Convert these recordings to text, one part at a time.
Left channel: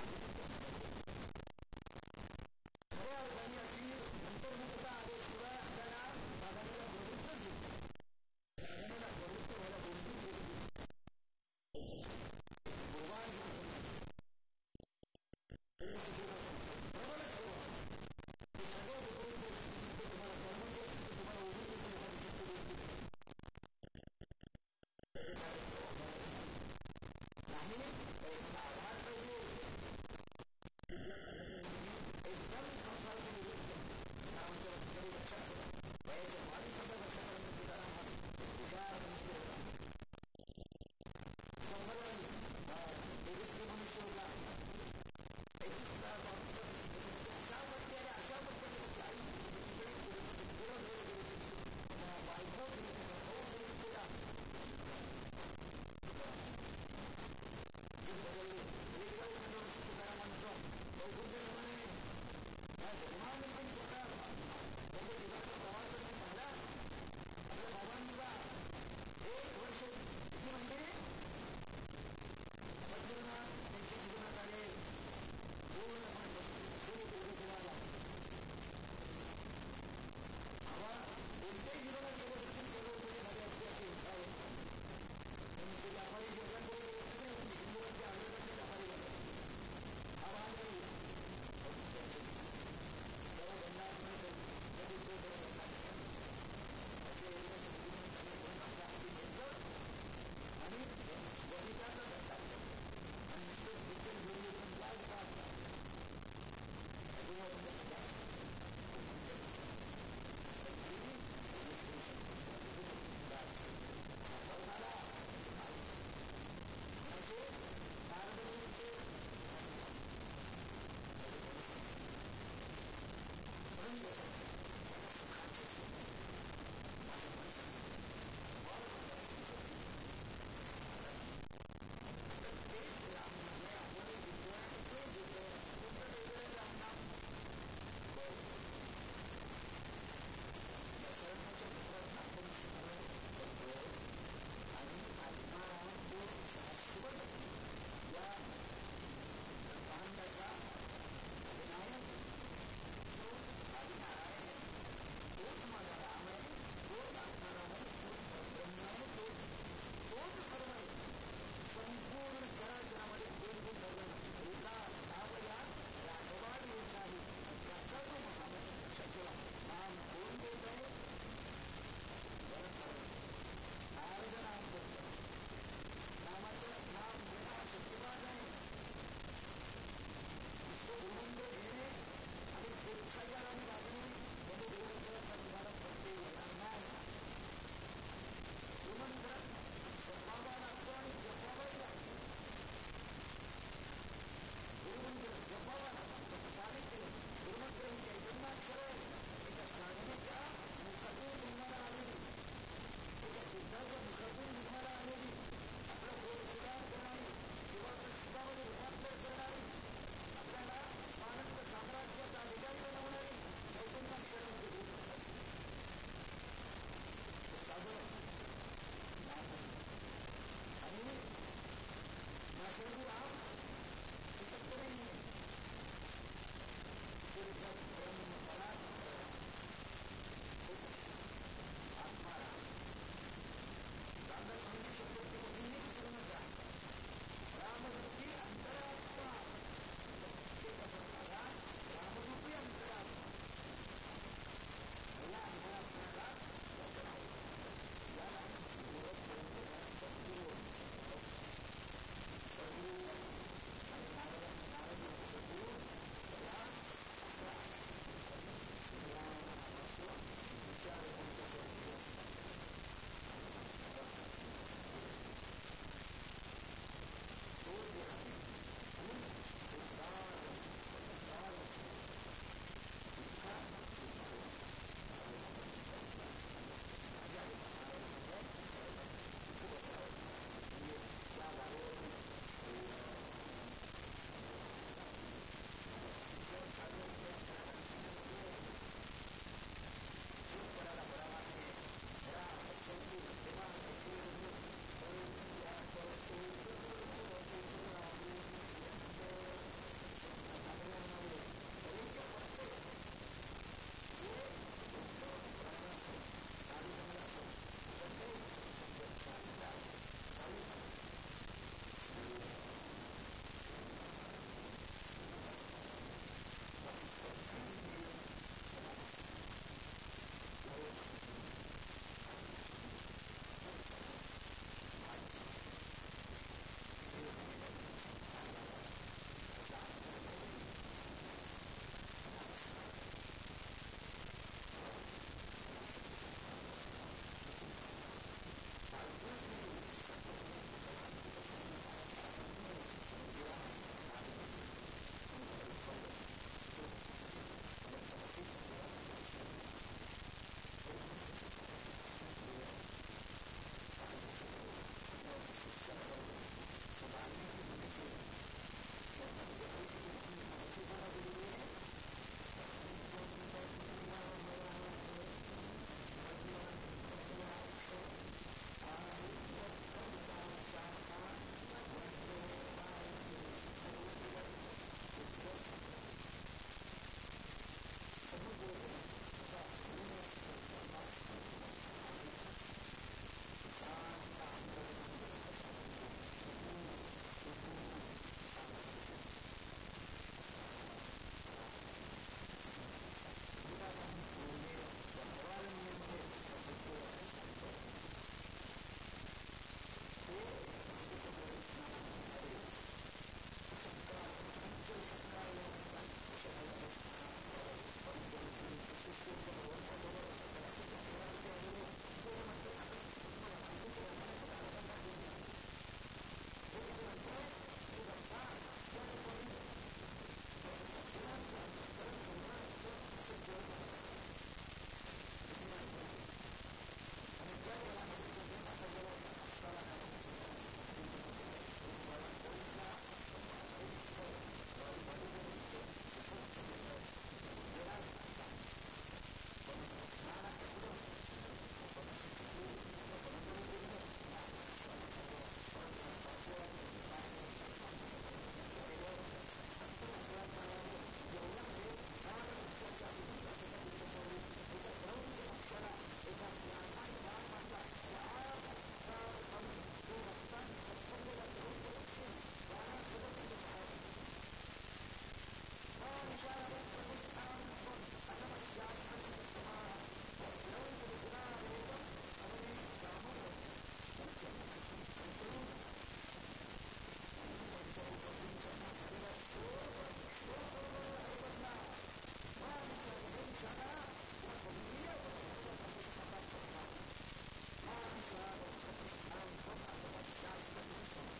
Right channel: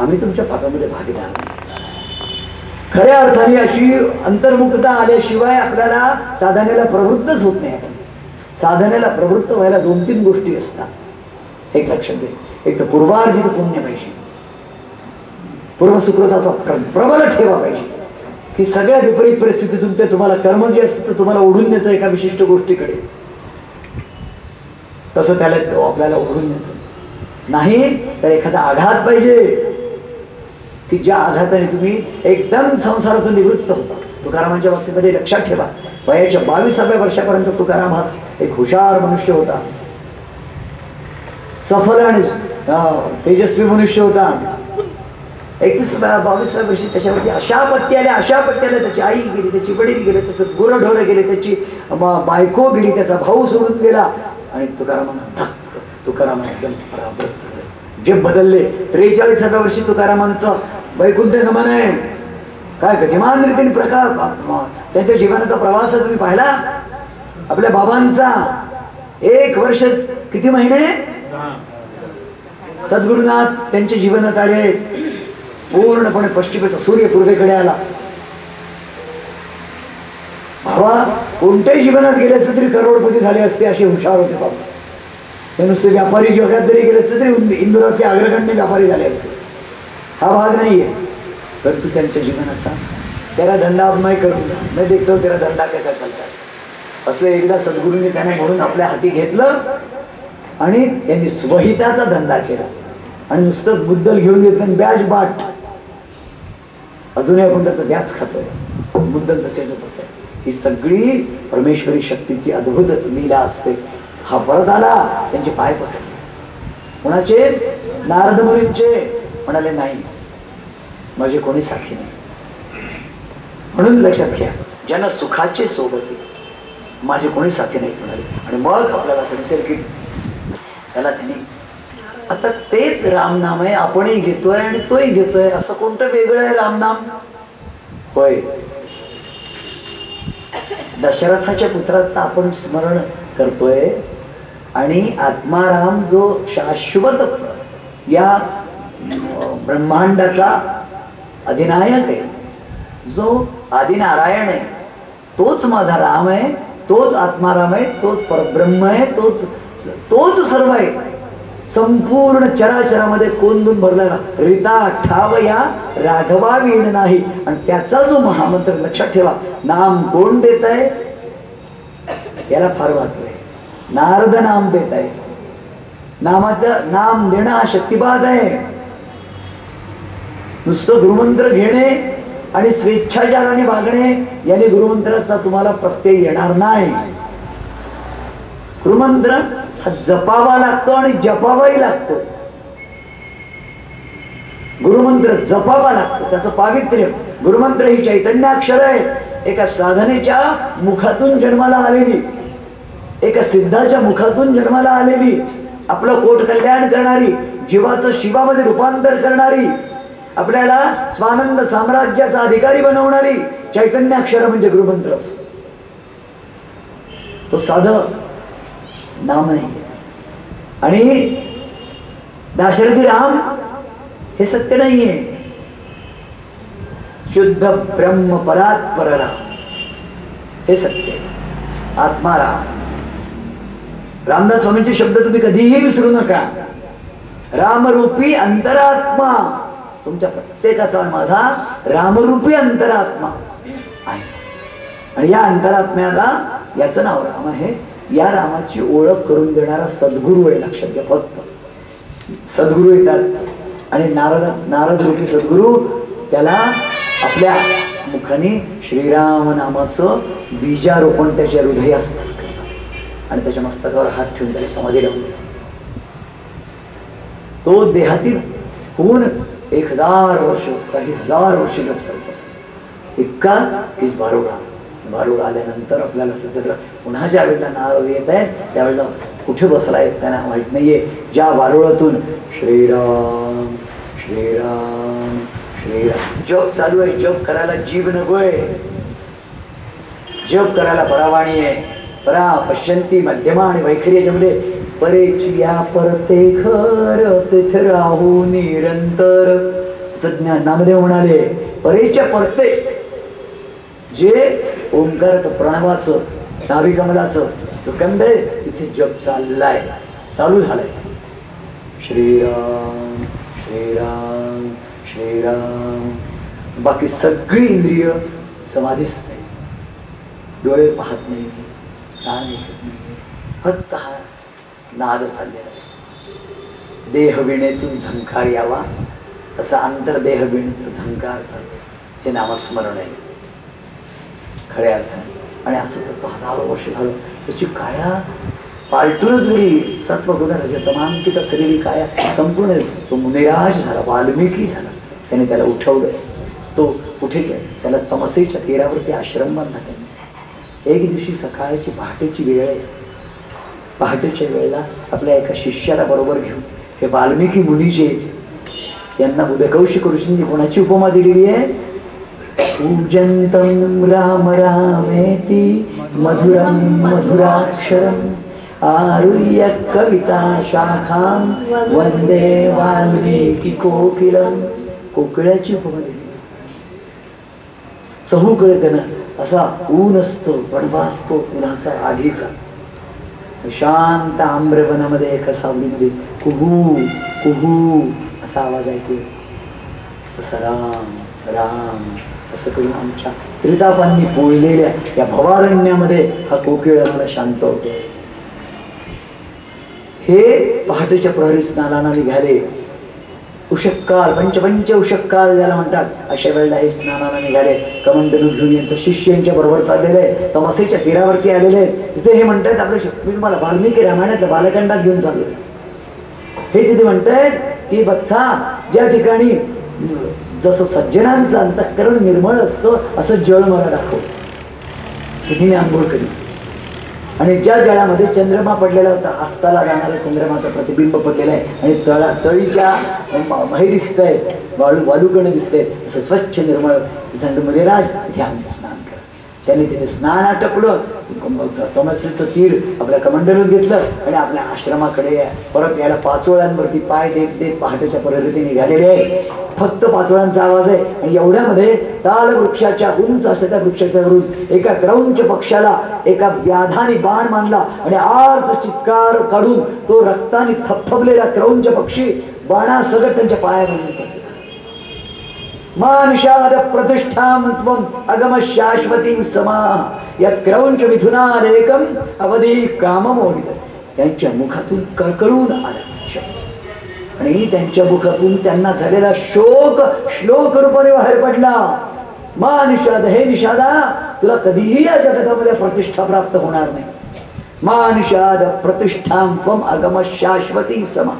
आम्ही तुमच्या पापामध्ये भागीदार नाही. खऱ्या अर्थाने अशी अंतर्मुखता आल्याशिवाय आपल्याला साधनेला प्रवृत्तच होत नाही. आपण साधनेला प्रवृत्त व्हायला 2-3 गोष्टी असतात. एक लक्षात घे. एक तर पूर्वार्जित पुण्य पाहिजे, पूर्वसुकृताचा प्रबल ठेवा पाहिजे, की सगळ्या विपरीत परिस्थितीतून ते तुम्हाला कर्म जे असतं ते तुम्हाला ओढून नेतं एका विशिष्ट गोष्टीकडे. तसं त्याला तो आपल्याला ओढून नेतो. नाही तर एखादा आघात पाहिजे की ज्या आघाताने तुम्ही एकदम संसारातून निवृत्त होता. तुकारामांच्या बाबतीमध्ये लक्षात ठेवा, वयाच्या 22व्या वर्षापर्यंत तुकाराम हा एक हुशार मनुष्य होता, सफल आणि तेजस्वी मनुष्य होता. 21-22व्या वर्षी त्याच्यावरती अशा आपत्ती आल्या. त्याची आई गेली, त्याची वडील गेले, तसं गुरंढोरं गेले, त्याची बायको गेली, त्याचा भाऊ सोडून गेला. आणि तुकाराम एकदम परावृत्त, जे बदलले. 43व्या वर्षी तुकारामांचं वैकुंठ गमन आहे. काय गतिमान रीतीने प्रकार त्यांच्या जीवनाचा प्रवास तुम्ही पाहिला. आपल्या बाबांचा 1 वर्ष किती महिने सद्गुरुनाथ त्यांच्या जीवनात आले. पूर्णपणे पश्चिमेचा सूर्य पूर्वेकडे आला. बाबा कोणत्याही जीवनात गेले असते तरी करोडपती झाले असते, असे हुशार होते बाबा. ते नुसते व्यापारी जगात जरी गेले असते तरी इंदुरातले अग्रगण्य व्यापारी झाले असते. हा भाग नाहीये. परंतु त्यांच्या जीवनाचा तेरा धंदा अब मैं करूंगा, मैं देखता हूं तेरा धंदा कैसा चलता है, असं एकदा सद्गुरूंनी त्यांना म्हणून आपल्या हाती घेतलं आणि त्यांनी स्वहिताचा धंदा केला. आणि नुसतं मुद्दल घेऊन घेतलं ब्याज बाट. अजूनही आपण त्याचं व्याज खातोय, मुद्दल तसेच तसं. ही सगळी परमेश्वरी शक्तीची अद्भुत लीला असते. हा परत आला, त्यांचे पाय पकडले. कोणाचे? नारद मुनींचे. म्हणाले नाही, माझे कोणी साथी नाही. म्हणून लक्षात घ्या, ज्यांना सुखाचे सोबत माझे कोणी साथी नाही म्हणाले. आणि मग आपल्याला समजेल की त्याला त्यांनी आता तेच रामनाम आहे, आपणही घेतोय आणि तोही घेतोय. असं कोणतं वेगळं आहे रामनाम? होय, दशरथाच्या पुत्राचं आपण स्मरण करतोय. आणि आत्माराम जो शाश्वत या ब्रह्मांडाचा अधिनायक आहे, जो आदिनारायण आहे, तोच माझा राम आहे, तोच आत्माराम आहे, तोच परब्रह्म आहे, तोच सर्व आहे. संपूर्ण चराचरामध्ये कोंदून भरलेला रिता ठाव या राघवा वीण नाही. आणि त्याचा जो महामंत्र लक्षात ठेवा, नाम कोण देत आहे याला फार महत्व आहे. नारद नाम देत आहे. नामाचं नाम देणं हा शक्तिपात आहे. नुसतं गुरुमंत्र घेणे आणि स्वेच्छाचाराने वागणे याने गुरुमंत्राचा तुम्हाला प्रत्यय येणार नाही. गुरुमंत्र हा जपावा लागतो आणि जपावाही लागतो. गुरुमंत्र जपावा लागतो, त्याचं पावित्र्य. गुरुमंत्र ही चैतन्याक्षर आहे. एका साधनेच्या मुखातून जन्माला आलेली, एका सिद्धाच्या मुखातून जन्माला आलेली, आपलं कोट कल्याण करणारी, जीवाचं शिवामध्ये रूपांतर करणारी, आपल्याला स्वानंद साम्राज्याचा अधिकारी बनवणारी चैतन्याक्षर म्हणजे गुरुमंत्र असतो. तो साधं नाम नाही. आणि दाशरथी राम हे सत्य नाहीये. शुद्ध ब्रह्म परात्पर राम हे सत्य, आत्माराम. रामदास स्वामींचे शब्द तुम्ही कधीही विसरू नका. रामरूपी अंतरात्मा तुमच्या प्रत्येकाचा आणि माझा रामरूपी अंतरात्मा आहे. आणि या अंतरात्म्याला याचं नाव राम आहे. या रामाची ओळख करून देणारा सद्गुरू आहे. लक्षात घ्या, फक्त सद्गुरू येतात आणि नारद रूपी सद्गुरू त्याला आपल्या मुखाने श्रीराम नामाचं बीजारोपण त्याच्या हृदयास्थ करतात आणि त्याच्या मस्तकावर हात ठेवून त्याला समाधी लावून देतात. तो देहातीत होऊन 1000 वर्ष, काही 1000 वर्ष जप करत असतो. इतका हीच भारुड आल्यानंतर आपल्याला सगळं पुन्हा ज्या वेळेला नारद येत आहेत त्यावेळेला कुठे बसलाय त्यांना माहित नाहीये. ज्या वारुळातून श्रीराम श्रीराम श्रीराम जप चालू आहे. जप करायला जीव नकोय, जप करायला परावाणी आहे. परा पश्यंती मध्यमा आणि वैखरी याच्यामध्ये परेची या परते खर तिथ राहू निरंतर नामदेव म्हणाले परेच्या परते जे ओंकाराचं प्रणवाचं नाभिकमलाचं तो कंद आहे तिथे जग चाललाय, चालू झालाय. श्रीराम श्रीराम श्रीराम. बाकी सगळी इंद्रिय समाधीस्थ आहे, डोळे पाहत नाही, कान ऐकत नाही, फक्त हा नाद चाललेला आहे. देहवीणेतून झंकार यावा तसा आंतरदेह वीणेचा झंकार चालले, हे नामस्मरण आहे खऱ्या अर्थाने. आणि असं तसं हजारो वर्ष झालं त्याची काया पालटूनच गेली. सत्वगुण रजतमांकित असलेली काया संपूर्ण तो मुनिराज झाला, वाल्मिकी झाला. त्याने त्याला उठवलं, तो कुठे गेला, त्याला तमसेच्या तीरावरती आश्रम बांधला त्यांनी. एक दिवशी सकाळची पहाटेची वेळ आहे, पहाटेच्या वेळेला आपल्या एका शिष्याला बरोबर घेऊन हे वाल्मिकी मुनीचे यांना बुधकौशिक ऋषींनी कोणाची उपमा दिलेली आहे? पूजन्तं राम रामेति मधुरं मधुराक्षरम् आरुह्य कविता शाखां वंदे वाल्मीकी कोकिलम. कोकिळाची उपमा दिली. चहूकडे असा ऊन असतो, बडवा असतो उन्हाचा आगीचा. शांत आम्रवनामध्ये एका सावलीमध्ये कुहू कुहू असा आवाज ऐकू. तसा राम राम असं करून आमच्या त्रितापांनी पोळलेल्या या भवारण्यामध्ये हा कोकिळ आम्हाला शांत होतो. हे पहाटेच्या प्रहरी स्नानाला निघाले. उषक्काल पंचपंच उषक्काल ज्याला म्हणतात अशा वेळेला हे स्नानाला निघाले. कमंडलू घेऊन यांचं शिष्य यांच्या बरोबर चाललेलं आहे, तमसेच्या तीरावरती आलेले आहेत. तिथे हे म्हणतायत आपले मी तुम्हाला वाल्मिकी रामायणातल्या बालकांडात घेऊन चाललोय. हे तिथे म्हणतायत की बत्सा ज्या ठिकाणी जसं सज्जनांचं अंतःकरण निर्मळ असतं असं जळ मला दाखव, तिथे मी आंघोळ करीन. आणि ज्या जळामध्ये चंद्रमा पडलेला होता, अस्ताला जाणाऱ्या चंद्रमाचं प्रतिबिंब पडलेलं आहे आणि तळीच्या हे दिसत आहेत, वालुकण दिसत आहेत, असं स्वच्छ निर्मळ मध्ये राज तिथे आम्ही स्नान कर. त्याने तिथे स्नान आटपलं, तमसेचं तीर आपल्या कमंडलूत घेतलं आणि आपल्या आश्रमाकडे परत यायला पाचोळ्यांवरती पाय देत देत पहाटेच्या प्रहरीने निघालेले आहे. फक्त पाचोळ्यांचा आवाज आहे. आणि एवढ्यामध्ये ताल वृक्षाच्या उंच असं त्या वृक्षाच्या वरून एका क्रौंच पक्षाला एका व्याधाने बाण मानला आणि आर्त चित्कार काढून तो रक्ताने थपथपलेला क्रौंच पक्षी बाणासकट त्यांच्या पायावरून पडला. मानुषाद प्रतिष्ठां त्वं अगम शाश्वती समा यत् क्रौंच मिथुनादेकम अवधी काममोहित. त्यांच्या मुखातून कळकळून आला आणि त्यांच्या मुखातून त्यांना झालेला शोक श्लोक रूपाने बाहेर पडला. मा निषाद, हे निषादा तुला कधीही या जगतामध्ये प्रतिष्ठा प्राप्त होणार नाही. मा निषाद प्रतिष्ठां त्वं अगम शाश्वती समा.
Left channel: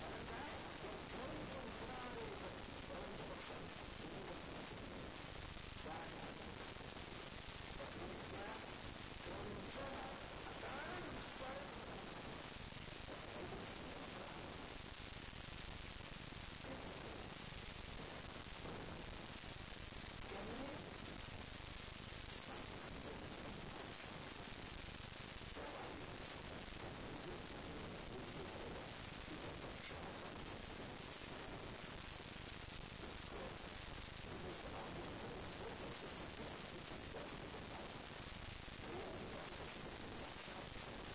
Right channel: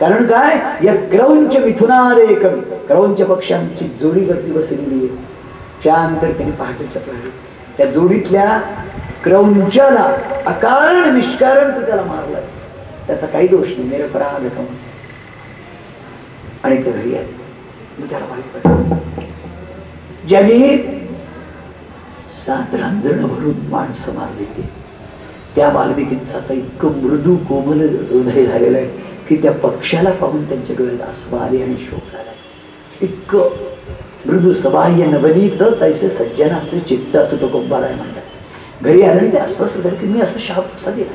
कारण काय, या क्रौंच मिथुनादेकम क्रौंच पक्षांची जोडीवरती बसलेली आहे. त्यानंतर त्यांनी पहाटेच्या प्रहरी त्या जोडीतल्या क्रौंचाला अकारण निष्कारण तू त्याला मारलाय, त्याचा काही दोष नाही, निरपराध कम. आणि ते घरी आले. मी त्याला मारलं. ज्यांनी 7 रांजण भरून माणसं मारलेली त्या वाल्मिकींचं आता इतकं मृदू कोमल हृदय झालेलं आहे की त्या पक्षाला पाहून त्यांच्या डोळ्यात आसू आले आणि शोक आला. इतकं मृदू सबाह्य नवनीत तैसे सज्जनाचे चित्त असं तो कोंबाराय म्हणतात. घरी आल्याने ते अस्वस्थ झाले की मी असं शाप कसा दिला.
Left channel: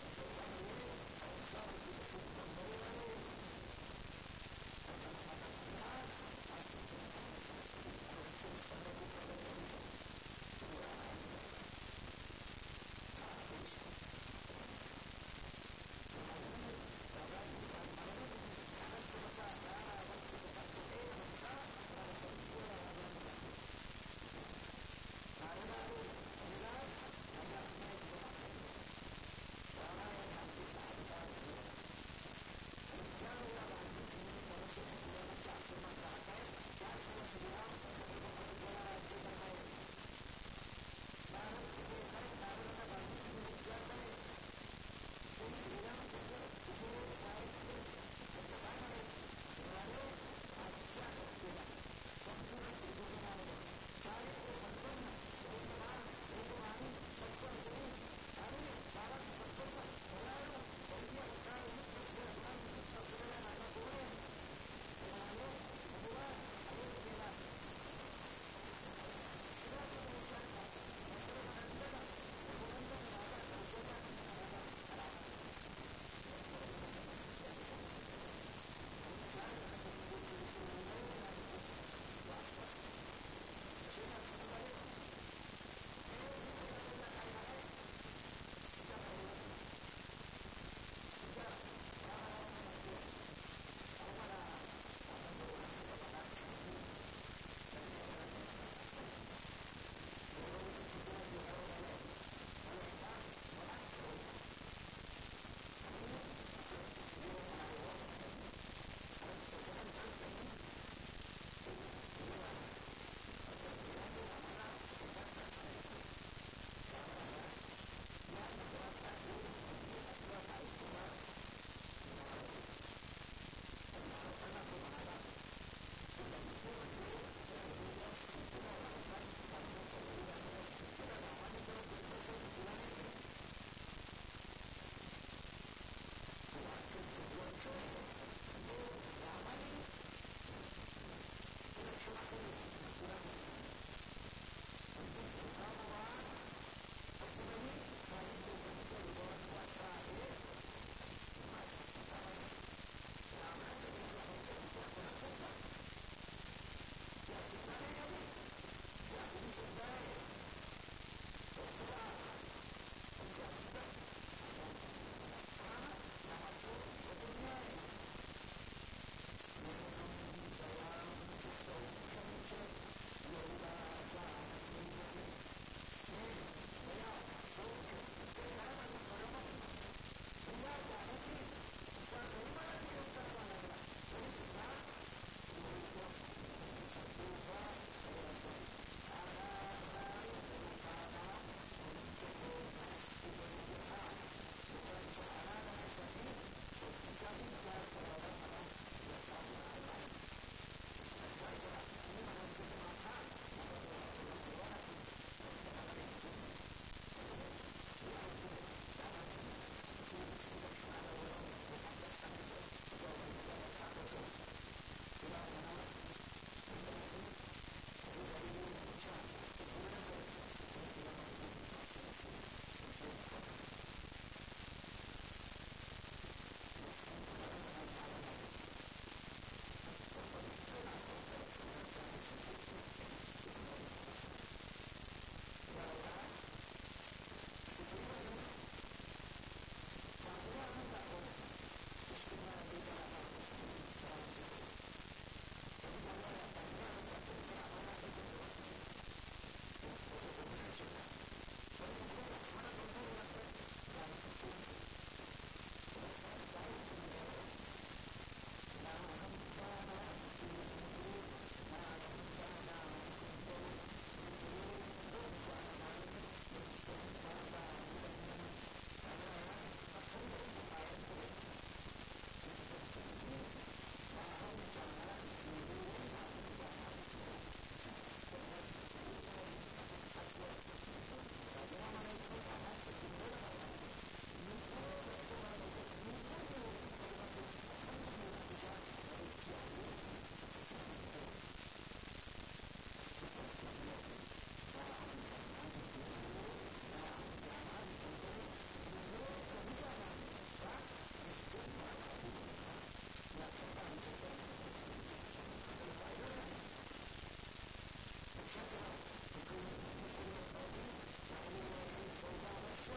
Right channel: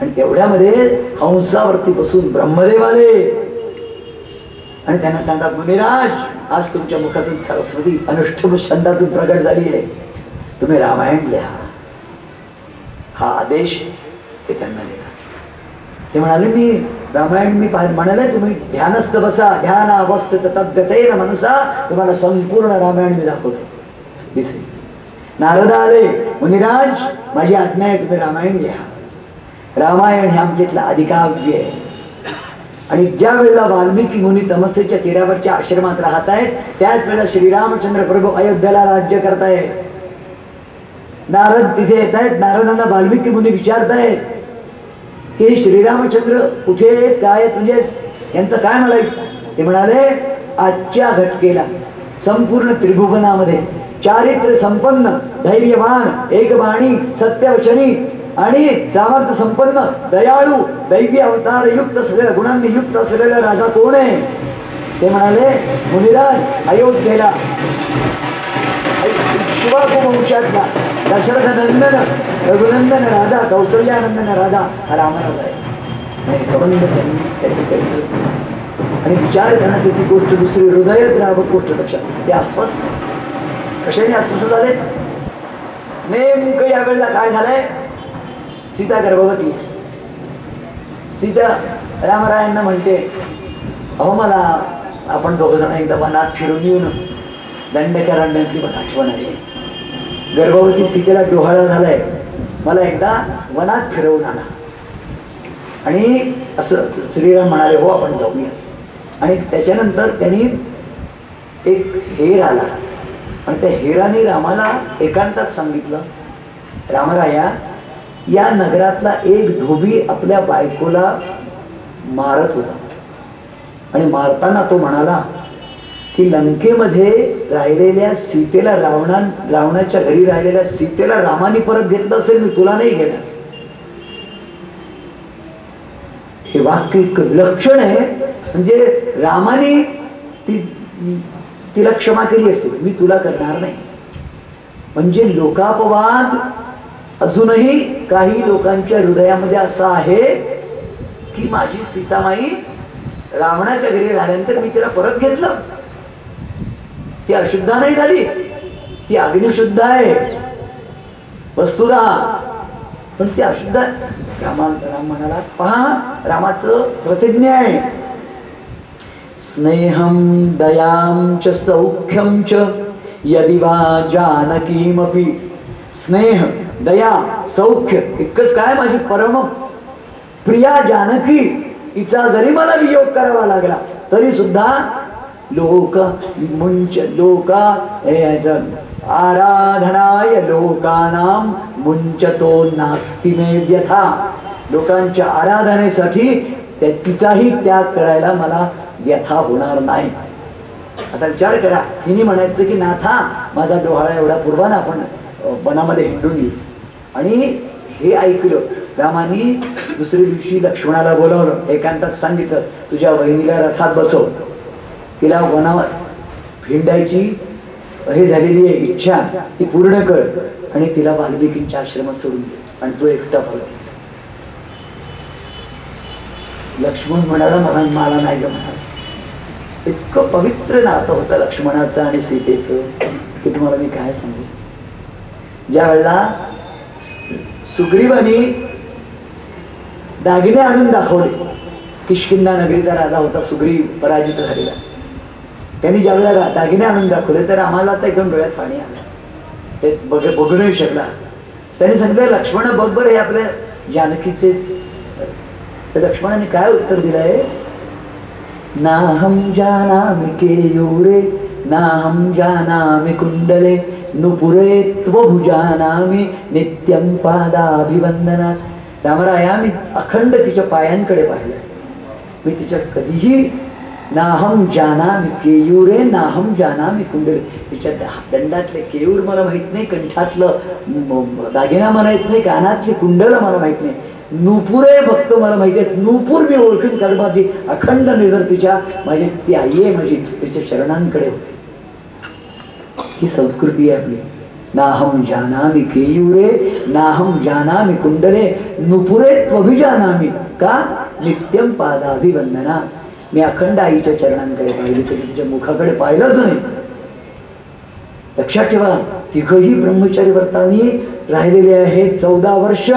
आणि तेवढ्यामध्ये हंसावरती बसून ब्रह्मदेव आले आणि त्यांना सांगतात मुनिराज आज तुमच्या मुखातून सरस्वती अनुष्ठुभ छंदातून प्रगट झाली आहे, तुम्ही रामायण लिहा. हा आदेश ते त्यांना दिला. ते म्हणाले मी रामायण मी म्हणाले तुम्ही ध्यानस्थ बसा, ध्यान अवस्थित तद्गतेन मनसा, तुम्हाला संपूर्ण रामायण मी दाखवतो. दिसे नारद आले, मुनिराज माझी आज्ञा आहे तुम्ही रामायण लिहा. रामायण हे आमच्यातलं आदिकाव्य आहे. आणि ज्या वेळेला वाल्मिकी मुनी तमसेच्या तीरावरच्या आश्रमात राहत आहेत त्याच वेळेला श्रीरामचंद्र प्रभू अयोध्येला राज्य करतायत. नारद तिथे येत आहेत. नारदांना वाल्मिकी मुनी विचारतायत की श्रीरामचंद्र कुठे आहेत, काय आहेत, म्हणजे यांचं काय मला. ते म्हणाले आजच्या घटकेला संपूर्ण त्रिभुवनामध्ये चारित्र्य संपन्न, धैर्यवान, एकबाणी, सत्यवचनी आणि सामर्थ्य संपन्न, दयाळू, दैवी अवतार युक्त, सगळ्या गुणांनी युक्त असलेला राजा कोण आहे? ते म्हणाले, मुनिराज अयोध्येला शिवाकू वंशातला दशरथ नंदन रघुनंदन राधा कौसल्यानंदन राधा हा रामराज आहे. आणि संबंध त्यांनी त्याचे चरित्र आणि विचार करण्यासारखी गोष्ट दुसरी हृदयद्रावक गोष्ट लक्षात. ते अस्वस्थ कशाने अस्वस्थ झाले? नेमकं यावेळेला काय झालंय? सीता गर्भवती. सीता रामरायांना म्हणते, अहो मला आपण दोघ जण एकदा वनात फिरून येऊ ना, दंडकारण्यातली मला आठवण आली. गर्भवती सीतेला डोहाळा झालाय, मला एकदा वनात फिरवून आणा. आणि असं श्रीराम म्हणाले, हो आपण जाऊया. आणि त्याच्यानंतर त्यांनी एक हेर आला आणि त्या हेराने रामाला एकांतात सांगितलं, रामराया या नगरातला एक धोबी आपल्या बायकोला मारत होता आणि मारताना तो म्हणाला की लंकेमध्ये राहिलेल्या सीतेला रावणाच्या घरी राहिलेल्या सीतेला रामाने परत घेतलं असेल, मी तुला नाही घेणार. हे वाक्य इतकं विलक्षण आहे, म्हणजे रामाने तिला क्षमा केली असेल, मी तुला करणार नाही. म्हणजे लोकापवाद अजूनही काही लोकांच्या हृदयामध्ये असा आहे की माझी सीतामाई रावणाच्या घरी राहिल्यानंतर मी तिला परत घेतलं. ती अशुद्ध नाही झाली, ती अग्निशुद्ध आहे वस्तुदा, पण ती अशुद्ध आहे. राम म्हणाला, पहा रामाचं प्रतिज्ञा आहे, स्नेहम दयाम च सौख्यम च यदि वा जानकीमपि. स्नेह दया सौख्य इतकंच काय, माझी परम प्रिया जानकी हिचा जरी मला वियोग करावा लागला तरी सुद्धा लोक आराधनाय लोकानाम मुंचतो नास्ति मे व्यथा. लोकांच्या आराधनेसाठी तिचाही त्याग करायला मला व्यथा होणार नाही. आता विचार करा, हिने म्हणायचं की नाथा माझा डोहाळा एवढा पूर्वाना आपण वनामध्ये हिंडून येऊ. आणि हे ऐकलं रामानी दुसऱ्या दिवशी लक्ष्मणाला बोलावलं, एकांतात सांगितलं, तुझ्या बहिणीला रथात बसव, तिला वनात हिंडायची हे झालेली आहे इच्छा ती पूर्ण कर आणि तिला वाल्मिकींच्या आश्रमात सोडून दे आणि तो एकटा परत. लक्ष्मण म्हणाला, मला नाही जमणार. इतकं पवित्र नातं होतं लक्ष्मणाचं आणि सीतेचं की तुम्हाला मी काय सांगू. ज्या वेळेला सुग्रीवानी दागिने आणून दाखवले, किष्किंधा नगरीचा राजा होता सुग्रीव पराजित झालेला, त्यांनी ज्या वेळेला दागिने आणून दाखवले तर आम्हाला आता एकदम डोळ्यात पाणी आलं. ते बघू नाही शकला. त्यांनी सांगितलं, लक्ष्मण बघ बरं हे आपल्या जानकीचेच. तर लक्ष्मणाने काय उत्तर दिलंय, नाहम जानामि केयूरे नाहम जानामि कुंडले नुपुरे त्वभुजानामि नित्यं पादाभिवंदनात. रामराया मी अखंड तिच्या पायांकडे पाहिलं, मी तिच्या कधीही नाहम जानामि केयूरे नाहम जानामि कुंडले, तिच्या दंडातले केयूर मला माहित नाही, कंठातलं दागिना मला माहित नाही, कानातली कुंडल मला माहित नाही, नुपुरे फक्त मला माहिती आहेत. नुपूर मी ओळखीन कारण माझी अखंड नजर तिच्या माझी ती आई आहे माझी, तिच्या चरणांकडे होती. ही संस्कृती आहे आपली. नाहम जानामि केयूरे नाहम जानामि कुंडले नुपुरे त्वभिजानामि का नित्यम पादाभिवंदना. मी अखंड आईच्या चरणांकडे पाहिली, कधी तिच्या मुखाकडे पाहिलंच नाही. लक्षात ठेवा, तिघही ब्रह्मचारी व्रतांनी राहिलेले आहे 14 वर्ष.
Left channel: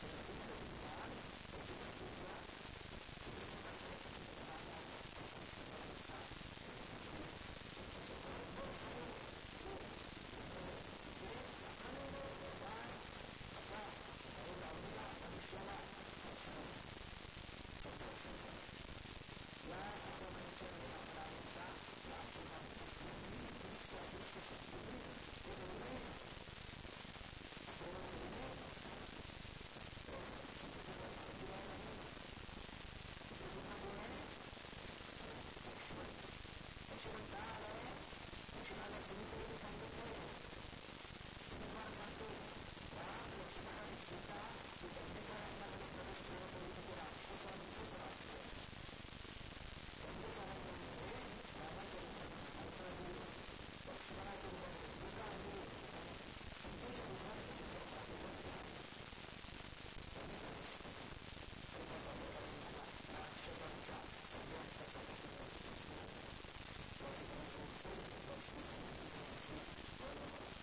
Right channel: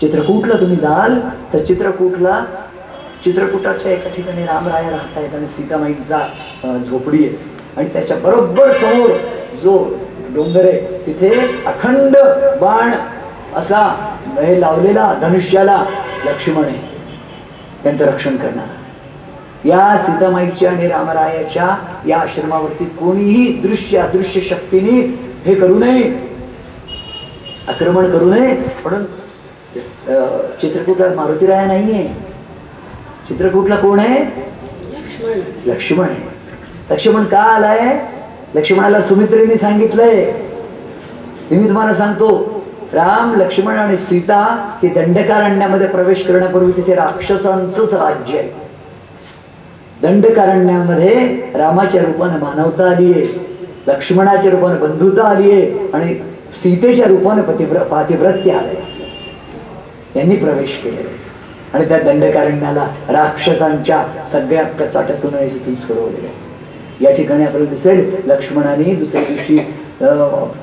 चित्रकूटला तुम्ही जाल तर चित्रकूटाच्या एका ठिकाणी रामराया राहत आहेत आणि सीतामाईंचा झोपडी आहे आणि त्याच्या बरोबर समोर जो डोंगर आहे तिथे अखंड बाण असा हे लावलेला धनुष्याला लक्ष्मण आहे, त्यांचं रक्षण करणारा. या सीतामाईच्या आणि रामरायाच्या या आश्रमावरती कोणीही दृश्य अदृश्य शक्तीने हे करू नये, आक्रमण करू नये. म्हणून चित्रकूटला मारुतीराया नाहीये, चित्रकूटला कोण आहे? लक्ष्मण आहे. लक्ष्मण का आलाय? लक्ष्मणाला सुमित्रेने सांगितलंय. मी तुम्हाला सांगतो, राम लक्ष्मण आणि सीता हे दंडकारण्यामध्ये प्रवेश करण्यापूर्वी तिथे राक्षसांचंच राज्य आहे. दंडकारण्यामध्ये रामाच्या रूपाने मानवता आली आहे, लक्ष्मणाच्या रूपाने बंधुता आली आहे आणि सीतेच्या रूपाने पातिव्रत्य आलंय. यांनी प्रवेश केलेला आहे आणि त्या दंडकारण्याला राक्षसांच्या सगळ्या कचाट्यातून तिथून सोडवलेलं आहे. या ठिकाणी आपल्याला दिसेल लक्ष्मणाने दुसऱ्या दिवशी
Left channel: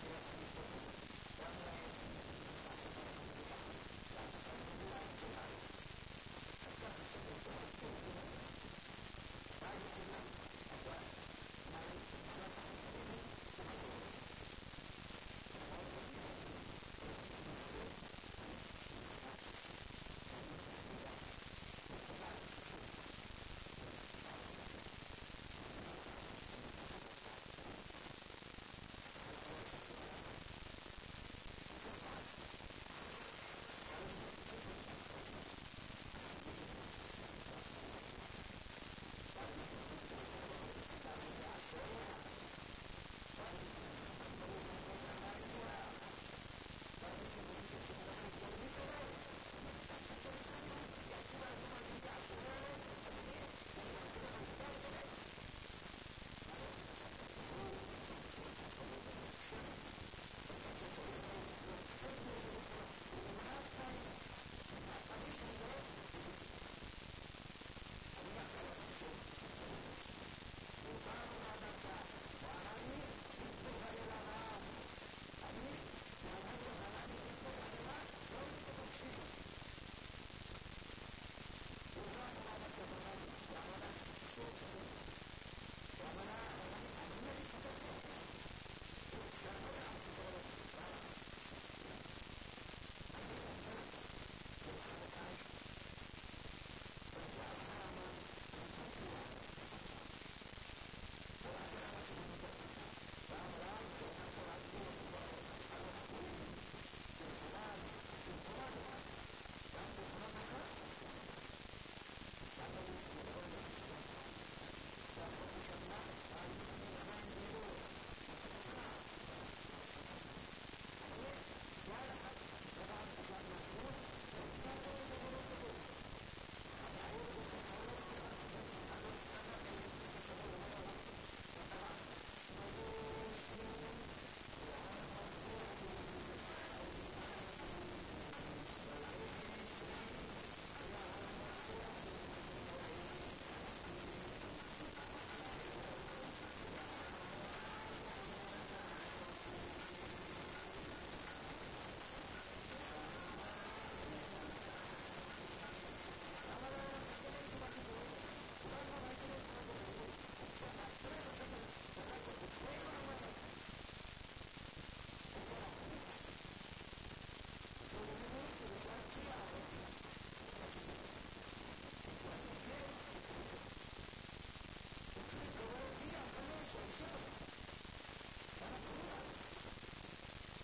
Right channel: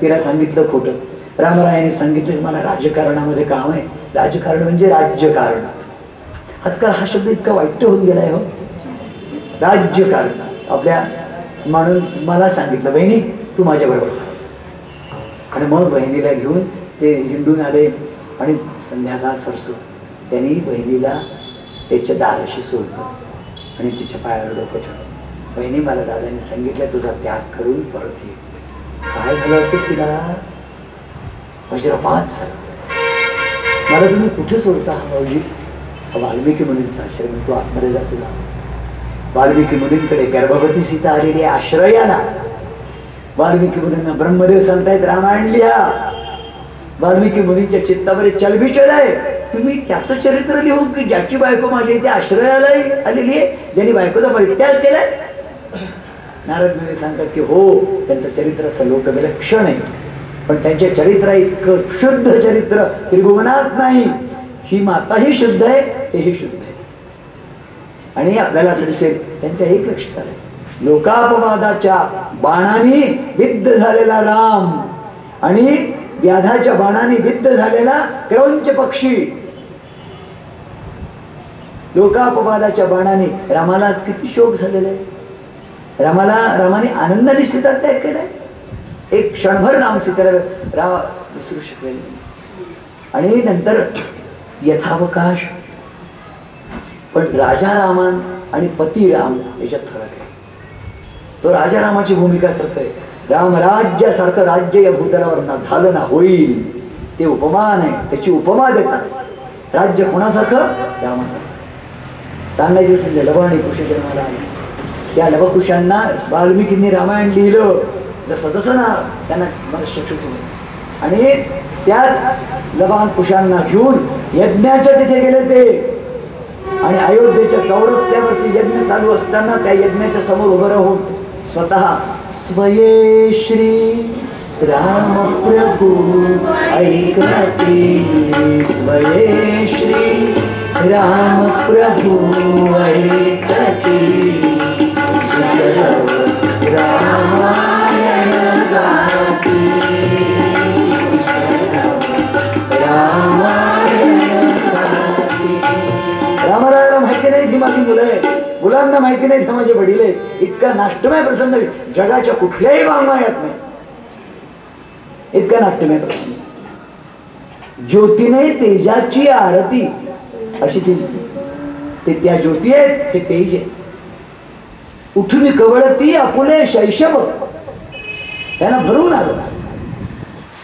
तिला सांगितलं खोटं. रामरायाने सांगितलं की मला राजकारणामध्ये काम आहे. राजकारण म्हणजे राज्यकारण. आजकाल हा शब्द इतका वाईट होऊन गेलाय हो, राज्यकारण. आपल्या म्हणून मला सांगितलं बहिणी तू माझ्या बरोबर चालायचं. आणि मग बहिणीला घेऊन ते हिंडून आले आणि संध्याकाळ सरसू त्यांनी बहिणीला त्याच्या दाराशी सोडलं आणि तिच्या पायावर डोकं ठेवलं. बहिणी मला दादाने सांगितलं तुझा त्याग करून परत ये. काय झालं असेल तिला? वज्रपात झाला. मला तुम्ही कुठे सोडता हा भाऊजी? वाल्मिकी मुनींचा आश्रम. तू आतमध्ये जा. तुला वाल्मिकी मुनींकडे गर्भवती सीता आलेली आश्रयाला. वाल्मिकी मुनींना ब्रह्मदेव सांगतायत रामायण लिहा. वाल्मिकी मुनींच्या चित्तावर चलबिचल आहे. तुम्ही त्याचं चरित्र लिहू की ज्याची बायको माझ्या इथे आश्रयाला आलेली आहे, ज्यांनी बायकोचा परित्याग केलाय? नारद मुनी सांगतात की हो, त्यांचं चरित्र असं लोकविलक्षण आहे, पण त्यांच्या चरित्र इतकं शुद्ध चरित्र त्रिभुवनात नाही. ही माताही शुद्ध आहे, तेही शुद्ध आहे. आणि आपल्याला असं दिसेल त्यांच्या एक लक्षात आलं, लोकापवादाच्या बाणाने विद्ध झालेला राम आणि व्याधाच्या बाणाने विद्ध झालेला क्रौंच पक्षी. लोकापवादाच्या बाणाने रामाला किती शोक झालेला आहे. रामाने आनंदाने सीता त्याग केलाय. एक क्षणभर राम सीतेला विसरू शकले नाही. आणि नंतर यथावकाश. पण राजा रामान आणि पती राम याच्यात फरक आहे. तो राजा रामाची भूमिका करतोय. राम राज्यासारखं राज्य या भूतलावर ना झालं ना होईल, ते उपमान आहे. त्याची उपमा देतात. राज्य कोणासारखं? रामासारखं. सांगायची म्हणजे लव आणि कुश जन्माला आले. त्या लवकुशांना वाल्मिकींनी रामायण लिहिलं. जसं जसं ना त्यांना मनश्चक्षुष होईल आणि त्याच लवाकुशांना घेऊन यज्ञाच्या तिथे गेले ते. आणि अयोध्येच्या चौरस्त्यावरती यज्ञ चालू असताना त्या यज्ञाच्या समोर उभं राहून स्वतः स्वये श्री राम प्रभू ऐकती, स्वये श्री राम प्रभू ऐकती, रामायण गाती, रामायण गाती. रामाला माहिती नाही ही माझी मुलं आहे, मुलांना माहिती नाही हे माझे वडील आहेत. इतका नाट्यमय प्रसंग जगाच्या कुठल्याही वाङ्मयात नाही. इतका नाट्यमय प्रसंग. ज्योतीने तेजाची आरती अशी ती त्या ज्योती आहेत, हे तेज आहे. उठून कवळती आपुले शैशव, त्यांना भरून आलं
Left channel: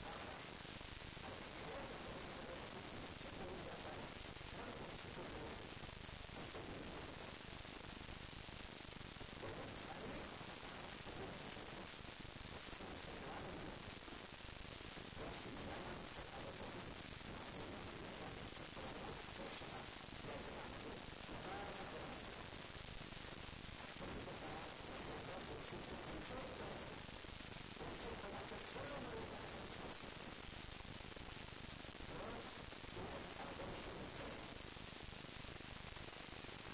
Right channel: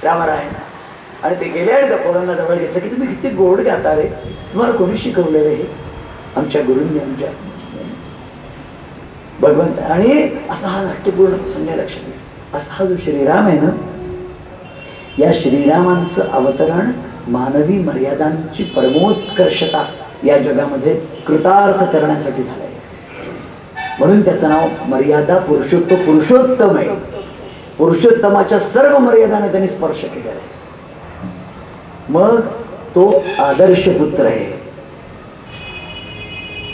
रामरायण. आणि ते गेले आणि त्या पोरांना जवळ घेतलं की तुम्ही किती गोड गाता रे, तुम्हाला कोणी शिकवलेलं हे? आमच्या गुरूंनी, आमच्या भगवंत. आणि असा हा नाट्यपूर्ण प्रसंग लक्षात घ्या. असा हा जो श्रीराम आहे ना, या श्रीरामांचं अवतरण मानवी मर्यादांची परमोत्कर्षता या जगामध्ये कृतार्थ करण्यासाठी झालंय. म्हणून त्याचं नाव मर्यादा पुरुषोत्तम आहे. पुरुषोत्तमाच्या सर्व मर्यादाने त्यांनी स्पर्श केलेला आहे. मग तो आदर्श पुत्र आहे.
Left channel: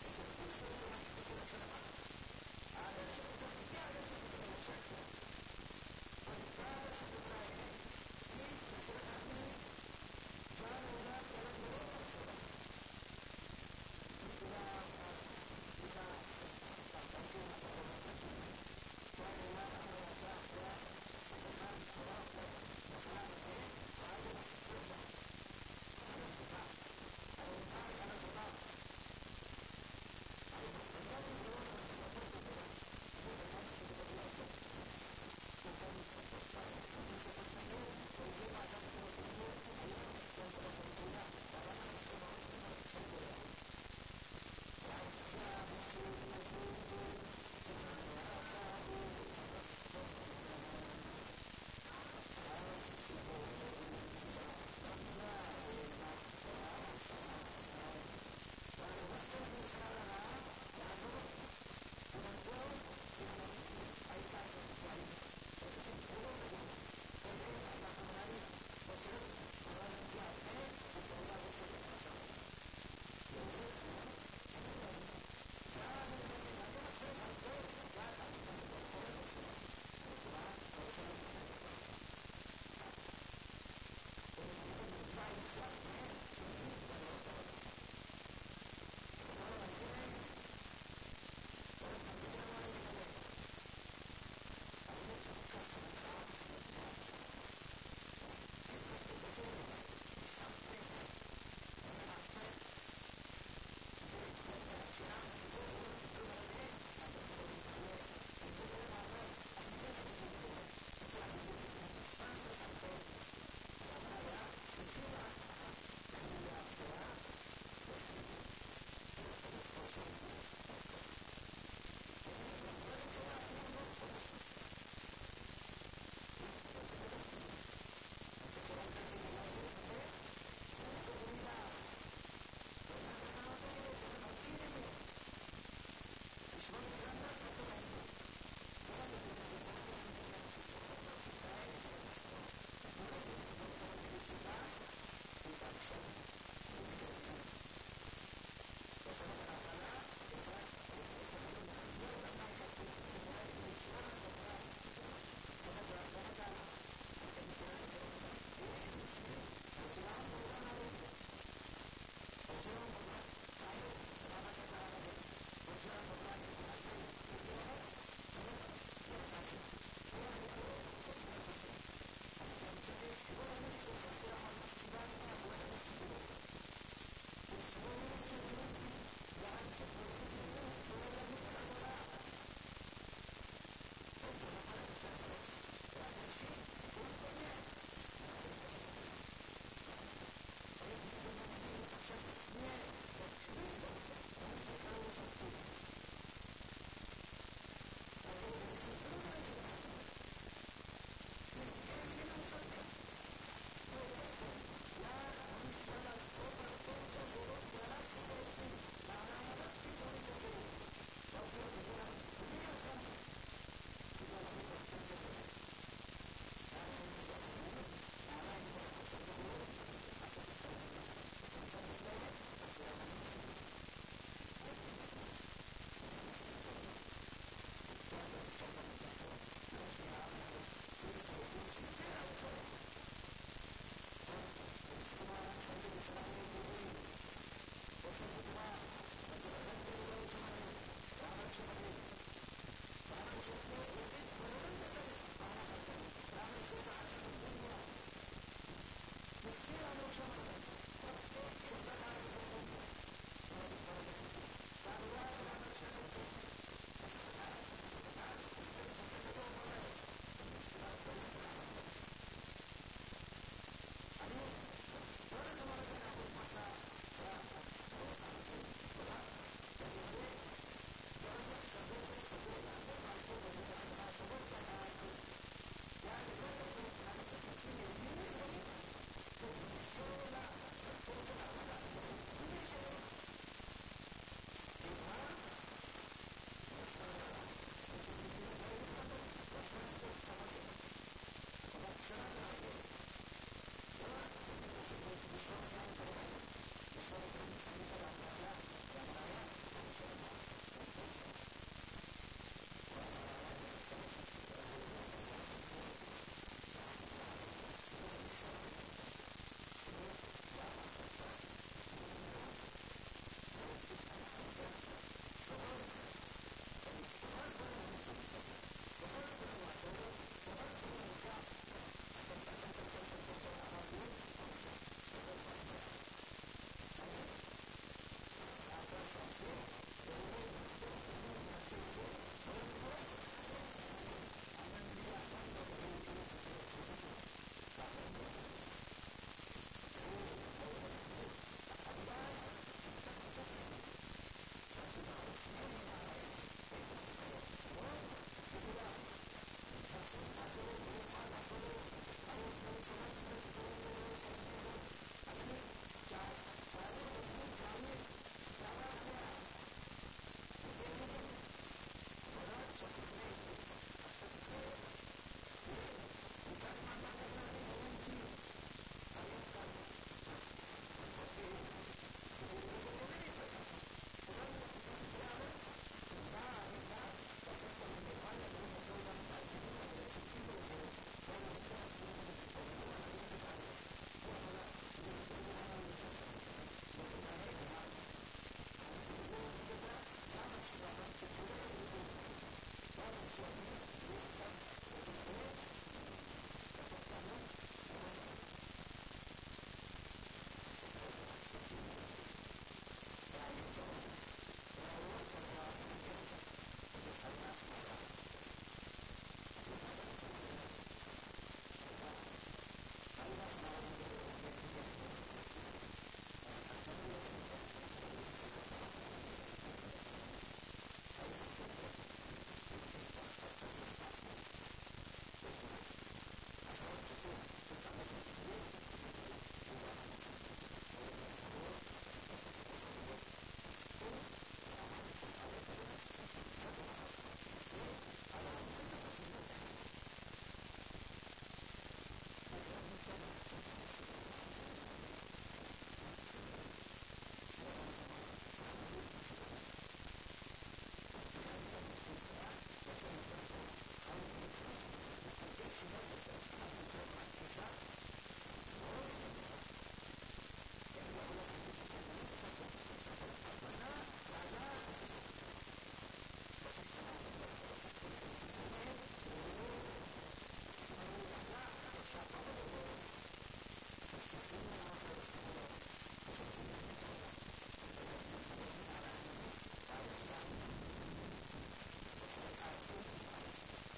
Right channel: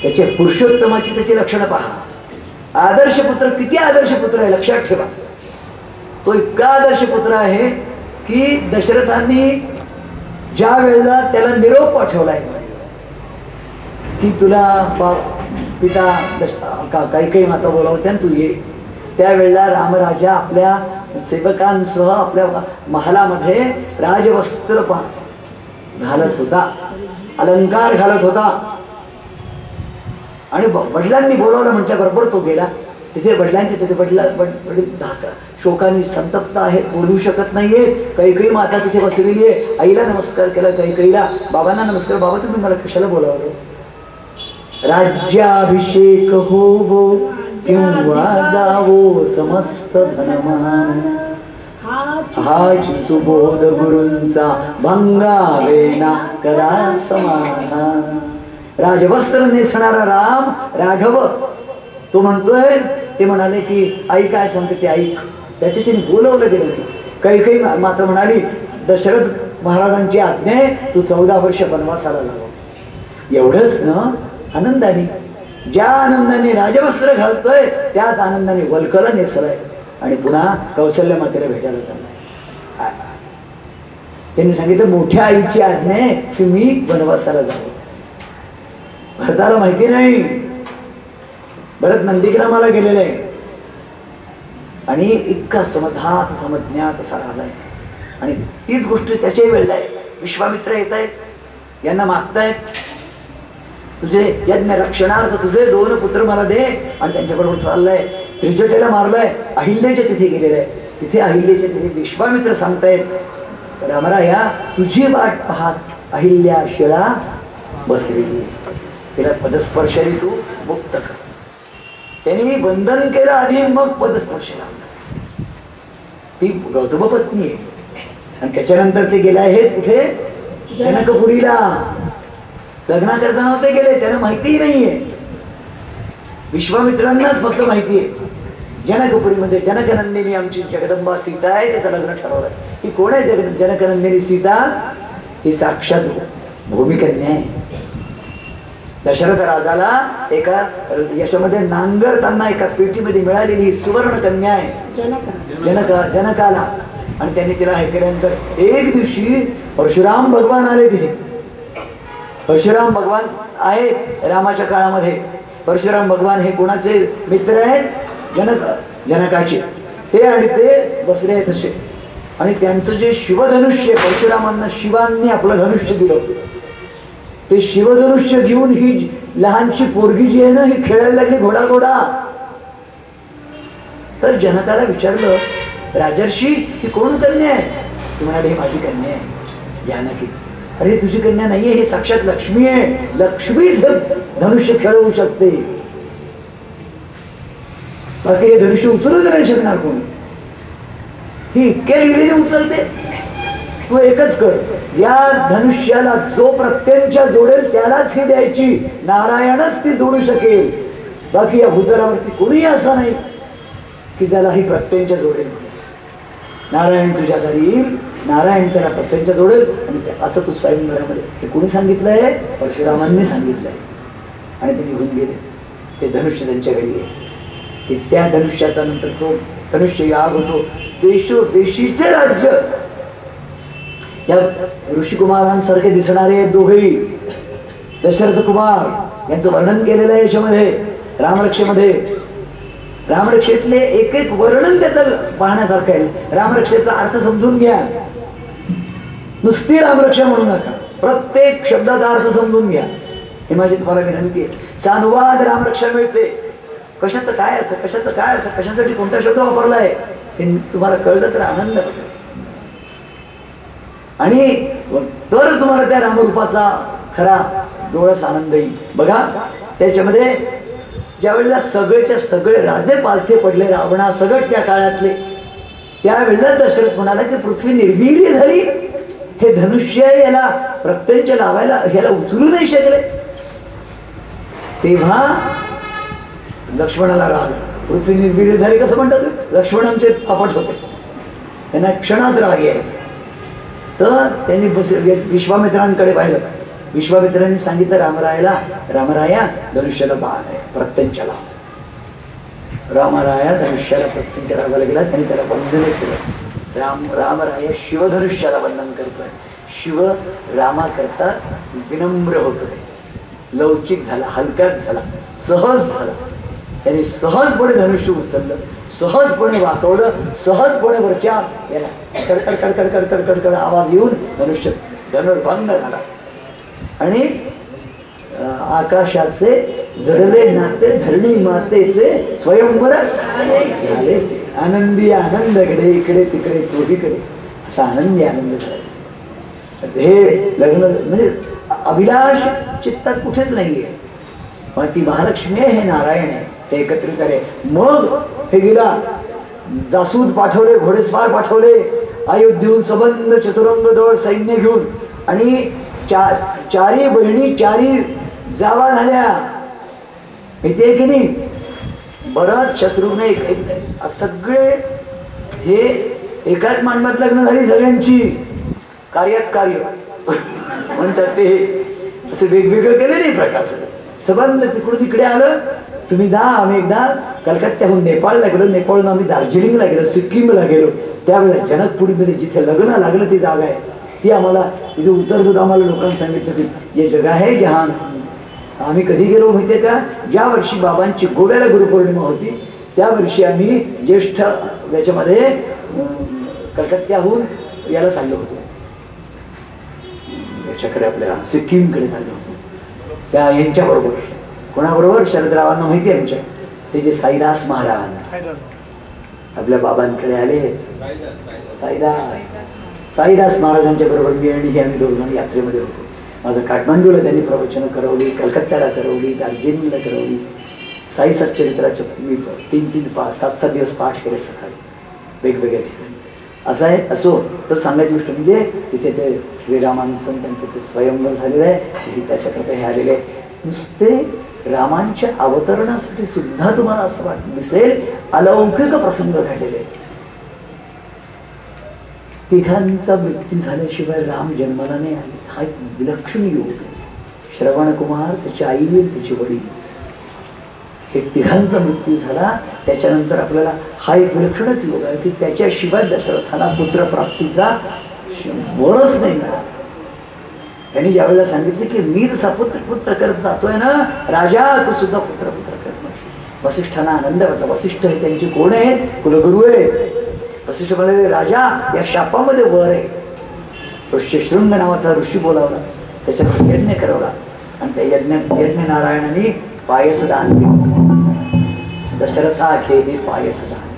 त्याच्या पुरुषोत्तमाची त्याची लक्षणं पहा. आदर्श पुत्र किती आदर्श पुत्र आहे लक्षात ठेवा. तो इतका आदर्श पुत्र आहे की दशरथांनी ज्या वेळेला त्याला निरोप पाठवलाय की तुला पिता काही माता बोलावत्या तू ये, त्यावेळेला रामराजा आपल्या सेवकांसह आपल्या महालामध्ये राजवस्त्र घालत होता, अलंकार घालत होता. आणि वडिलांनी बोलावलं म्हटल्याबरोबर तो गेला. तिथे वडिलांचे तिथे वडील शोकाने संतप्त आहेत, बोलू शकत नाहीये. कैकेयी माता तिथे बसलेली आहे. आईला नमस्कार केला, कैकेयीला. बाबांना नमस्कार. बाबा तुम्ही मला कशाला बोलावलं? राज्याभिषेक होवो किंवा जावो समस्त धनमान, हाच सुबोध गुरूंचा भंगावेना कदा समाधान. राजवस्त्र नेसणारा राम राघव तो म्हणतोय, ते म्हणाले की आई काय सांगते ते ऐक. त्याच्याशी बोलवलं गेलं नाही. काही माता म्हणाली, दशरथ महाराजांची आज्ञा आहे, तू 14 वर्ष वनवासाला लाव. एवढंच ना, आनंदाने, ज्या आनंदाने राजवस्त्र घालतोय त्याच आनंदाने वल्कला नेसलाय आणि पुन्हा कौशल्य मातेला भेटायला चाललाय. त्यांनी सांगितलं, मोठ्या आईची आज्ञा आहे की मी वनवासाला जावं. भरताला माहिती नाही, भरत नंदीग्रामाला गेलेला आहे आणि इतका समधात समज्ञात असा राजाय. आणि तीच गोष्ट त्याच्याही वेळेला आहे. विश्वामित्र येत आहेत, यांना मागतायत, तुझे यज्ञ रक्षणार्थ तुझे 2 पुत्र मला दे. आणि त्यांच्याबरोबर चाललंय, त्रिजटेला मारलाय, अहिल्याच्या तिथे गेलेलं आहे. तिथे अहिल्याच्या तिथे विश्वामित्र सांगतायत, रामराया तुझी वाट पाहत अहिल्या शिळा बसलेली, तिला पदस्पर्शाने तू मुक्त कर. त्यांनी बंधन केलं आधी, मग पदस्पर्श लावला. ती गौतम पत्नी आहे. आणि त्याच्यानंतर ते गेले आहेत कुठे, जनकपुरीला. लग्न करता नव्हते गेले, त्यांना माहितीही नाहीये. विश्वामित्रांनाच फक्त माहिती आहे. जनकपुरीमध्ये जनकनंदिनी आमची जगदंबा सीता आहे, त्याचं लग्न ठरवलंय. ही कोण आहे जनकनंदिनी सीता? ही साक्षात भूमिकन्या आहे. दशरथ राजाला एका याच्यामध्ये नांगरताना एका पेटीमध्ये मिळालेली ही सुवर्ण कन्या आहे जनकाला. आणि त्यांनी तिला हे केल्यानंतर एक दिवशी परशुराम भगवान आले तिथे. परशुराम भगवान आहेत रामाच्या काळामध्ये. परशुराम भगवान हे कोणाचे मित्र आहेत? जनकाचे. ते आणि ते बसले आहेत असे. आणि त्यांचं जे शिवधनुष्य, परशुरामांना शिवांनी आपलं धनुष्य दिलं होतं, ते शिवधनुष्य घेऊन ही लहानशी पोरगी जी आहे ना, ही खेळायला लागली घोडा. तर जनकाला विचारलं, राजर्षी ही कोण कन्या आहे? ती म्हणाली, ही माझी कन्या आहे जानकी. अरे तुझी कन्या नाहीये, ही साक्षात लक्ष्मी आहे. लक्ष्मीच धनुष्य खेळवू शकते, बाकी हे धनुष्य उचलूच नाही शकणार कोणी. ही इतक्या लिहिलेने उचलते. तू एकच कर, या धनुष्याला जो प्रत्यंच्या जोडेल त्यालाच ही द्यायची. नारायणच ती जोडू शकेल, बाकी या भूतलावरती कोणीही असा नाही की त्याला ही प्रत्यंच्या जोडेल. नारायण तुझ्या घरी येईल, नारायण त्याला प्रत्यंच्या जोडेल. आणि असं तू स्वयंवरामध्ये, हे कोणी सांगितलंय? परशुरामांनी सांगितलंय. आणि ते निघून गेले. ते धनुष्य त्यांच्या घरी आहे. की त्या धनुष्याचा नंतर तो धनुष्य याग होतो. देशोदेशीचे राज्य. या ऋषिकुमारांसारखे दिसणारे दोघेही दशरथ कुमार यांचं वर्णन केलेलं आहे याच्यामध्ये रामरक्षेमध्ये. रामरक्षेतले एक एक वर्णन त्याचं पाहण्यासारखं आहे. रामरक्षेचा अर्थ समजून घ्या, नुसती रामरक्षा म्हणू नका, प्रत्येक शब्दाचा अर्थ समजून घ्या. ही माझी तुम्हाला विनंती आहे. सानुवाद रामरक्षा मिळते. कशाचं काय अर्थ, कशाचं काय अर्थ, कशासाठी कोणता शब्द वापरलाय हे तुम्हाला कळलं तर आनंद होतो. आणि तर तुम्हाला त्या रामरूपाचा खरा डोळस आनंद येईल. बघा त्याच्यामध्ये ज्या वेळेला सगळेच्या सगळे राजे पालथे पडले, रावणा सगळं त्या काळातले, त्यावेळेला दशरथ म्हणाला की पृथ्वी निर्वीर्य झाली, हे धनुष्य याला प्रत्यंच लावायला ह्याला उचलू नाही शकले. तेव्हा लक्ष्मणाला राग, पृथ्वी निर्वीर्य झाली कसं म्हणतात? लक्ष्मणांचे थापट होते, त्यांना क्षणात राग यायचा. तर त्यांनी विश्वामित्रांकडे पाहिलं. विश्वामित्रांनी सांगितलं रामरायाला, रामराया धनुष्याला बाण आहे, प्रत्यंचाला. रामराया धनुष्याला प्रत्यंच लावायला गेला. त्यांनी त्याला बंधन केलं. रामराया शिवधनुष्याला बंधन करतोय. शिव रामाकरता विनम्र होतोय, लवचिक झाला, हलकाच झाला, सहज झाला. त्यांनी सहजपणे धनुष्य उचललं, सहजपणे वाकवलं, सहजपणे वरच्या याला कडकड कडकड कडकड कडकड आवाज येऊन धनुष्य धनुर्भंग झाला. आणि आकाशाचे जडले नाते धरणी मातेचे स्वयंवर झाले. आनंदी आनंदकडे इकडे तिकडे चोहीकडे असा आनंदी आनंद झाला. हे लग्न म्हणजे अभिलाष चित्तात कुठेच नाहीये. पण ती महालक्ष्मी आहे, हे नारायण आहे, हे एकत्रित आहे. मग हे गेला, जासूद पाठवले, घोडेस्वार पाठवले, अयोध्येहून सबंध चतुरंग दळ सैन्य घेऊन. आणि चारी बहिणी चारी जावा झाल्या, माहितीये की नाही? बराच शत्रुघ्न सगळे हे एकाच मांडवात लग्न झाली सगळ्यांची, कार्यात कार्य म्हणतात ते, असे वेगवेगळे केले नाही प्रकार. संबंध तिकडून तिकडे आलं. तुम्ही जा, आम्ही एकदा कलकत्त्याहून नेपाळला गेलो, नेपाळहून आम्ही दार्जिलिंगला गेलो, सिक्कीमला गेलो. त्यावेळेला जनकपुरीमध्ये जिथे लग्न लागलं ती जागा आहे, ती आम्हाला तिथे उतरतो आम्हाला लोकांनी सांगितलं की ये जगा है जहान. आम्ही कधी गेलो माहितीये का? ज्या वर्षी बाबांची गोव्याला गुरुपौर्णिमा होती त्या वर्षी आम्ही ज्येष्ठ याच्यामध्ये कलकत्त्याहून याला चाललो होतो, याच्याकडे आपल्या सिक्कीमकडे चाललो होतो. त्या यांच्याबरोबर, कोणाबरोबर? शरदरावांना माहिती आहे आमच्या, ते जे साईदास महाराज आपल्या बाबांकडे आले. साईदास महाराजांच्या बरोबर मी आणि हे आम्ही 2 जण यात्रेमध्ये होतो. माझं काठमांडूला त्यांनी प्रवचनं करवली, कलकत्त्याला करवली, दार्जिलिंगला करवली. साई सच्चरित्राचे मी 3-3, 5, 7-7 दिवस पाठ केले सकाळी वेगवेगळ्या ठिकाणी. असं आहे. असो, तर सांगायची गोष्ट म्हणजे तिथे ते श्रीरामानुसन त्यांचं ते स्वयंवर झालेलं आहे, त्याच्याकरता हे आलेले आहे. नुसते रामांच्या अवतरणासाठी सुद्धा तुम्हाला असं दिसेल अलौकिक प्रसंग घडलेले आहेत. तिघांचा मृत्यू झाल्याशिवाय राम जन्माला नाही आले. हा एक विलक्षण योग. श्रवणकुमार, त्याची आई, त्याचे वडील, हे तिघांचा मृत्यू झाला. त्याच्यानंतर आपल्याला हा एक विलक्षणच योग आहे की त्याच्याशिवाय दशरथाला पुत्रप्राप्तीचा वरच नाही मिळाला. त्यांनी ज्यावेळेला सांगितले की मी जसा पुत्र करत जातोय ना राजा, तो सुद्धा पुत्र करत नाही. वसिष्ठांना आनंद वाटला. वसिष्ठ हे त्यांचे कोण आहेत? कुलगुरू आहेत. वसिष्ठ म्हणाले राजा या शापामध्ये वर आहे. ऋष्यशृंग नावाचा ऋषी बोलावला, त्याच्यावर यज्ञ करवला आणि त्या यज्ञ नारायणाने पायसदान दिलं. दशरथा घे हे पायसदान.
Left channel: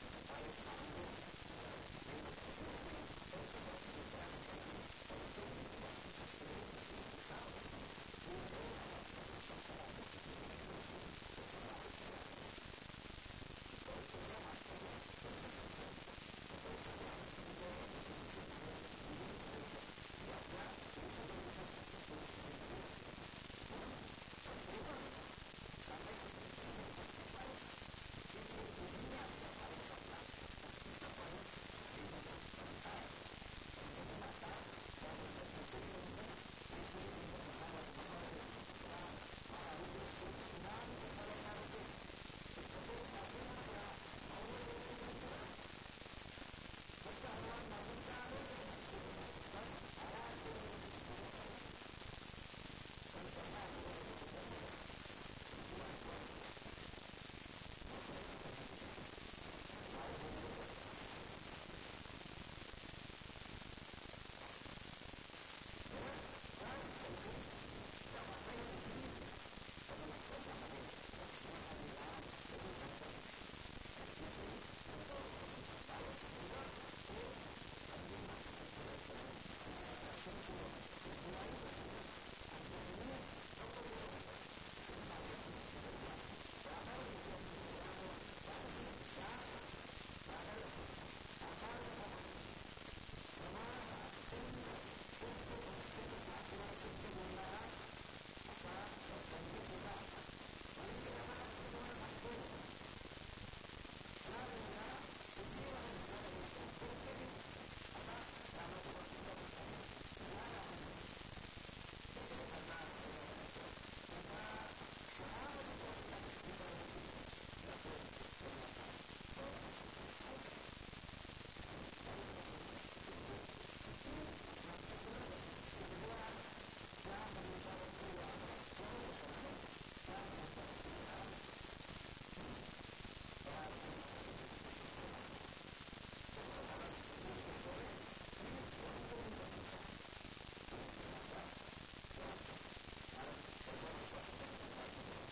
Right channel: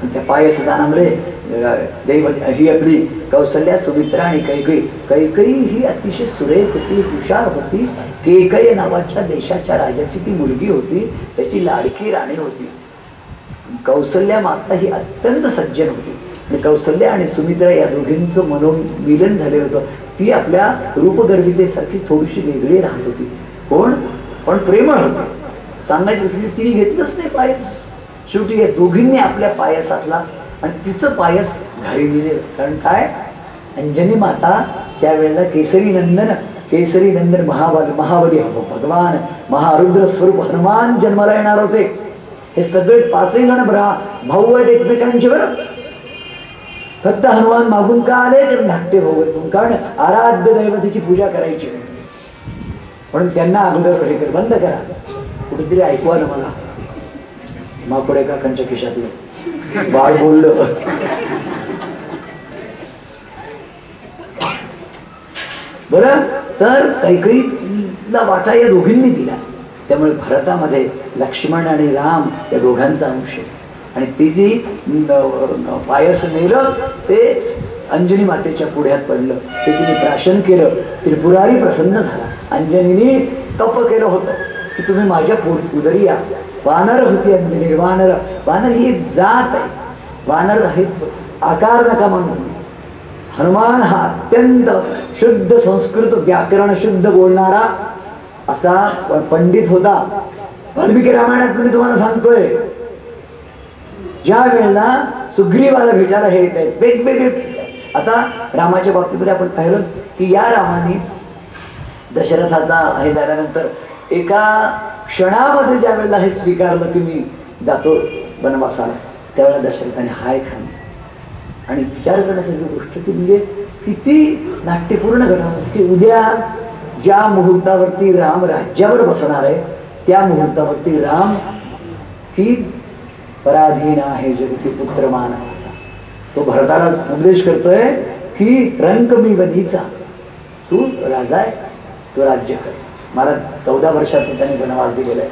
आणि त्या पायसदानामध्ये दैव ही आपली कौसल्या, सुमित्रा आणि कैकई ही अतिशय सुरेख होती, हुशार होती. केकय नावाच्या देशाच्या राजाची ती मुलगी होती, त्याची लाडकी राणी होती. कौसल्या माता ही अत्यंत सज्जन होती आणि कौसल्या आणि सुमित्रा या दोघींचं मनोमिलन झालेलं होतं. ती आपल्या रूपगर्भितेसारखी थोडीशी वेगळी राहत होती, पण प्रेमळ होती. सांगायची गोष्ट तिने घेतलंच नाही पायस. शेवटी या दोघींनी आपल्या पायसातला आणि तिचं पायस घरी दिले. कारण काय? अंजनी माता त्यावेळेला केसरी नंदन महाबली भगवान महारुद्र स्वरूप हनुमान जन्माला येणार होते. हे सगळे 5ही जण भाऊ आहेत एकमेकांचे. बरं, फक्त हनुमान मागून का आले तर धाकटे भाऊ आहेत, कारण आराध्य दैवतेची पूजा करायची म्हणून त्यांना अगोदर हे कर, बंद करा. कुठेतरी ऐकू आलं मला, माकडे काकांच्या खिशातलं बाळ बोललं. बरं, तर कैकईला वाटा या दोघींनी दिला. त्यामुळे भारतामध्ये लक्ष्मण आणि राम या दोघांचा अंश आहे. आणि ती जी पायस नेलं ते अंजनी मातेच्या पुढ्यात पडलं, ते तिने प्राशन केलं. त्रिपुरारी प्रसन्न झाला. अंजनीने तप केलं होतं की तुम्ही माझ्या उदरी या. वानर होती अंजनी. वानर ही एक जात आहे. वानर हे आकार नका म्हणून. हनुमान हा अत्यंत शुद्ध संस्कृत व्याकरण शुद्ध बोलणारा असा पंडित होता. वाल्मिकी रामायणात मी तुम्हाला सांगतोय, ज्या वेळेला सुग्रीवाला भेटायला हे येत आहेत वेगवेगळे. आता रामाच्या बाबतीमध्ये आपण पाहिलं की या रामाने दशरथाचा हे झाल्यानंतर एका क्षणामध्ये ज्या वेळेला हे स्वीकारलं की मी जातो वनवासाला, त्यावेळेला दशरथाने हाय खाल्ली. आणि विचार करण्यासारखी गोष्ट की म्हणजे किती नाट्यपूर्ण घटना की उद्या ज्या मुहूर्तावरती राम राज्यावर बसणार आहे त्या मुहूर्तावरती राम की पराधीन आहे जगती पुत्र मानवाचा, तो भरताला उपदेश करतोय की रंक मी वनीचा, तू राजा आहे, तू राज्य कर. मला 14 वर्षाचा त्याने वनवास दिलेला आहे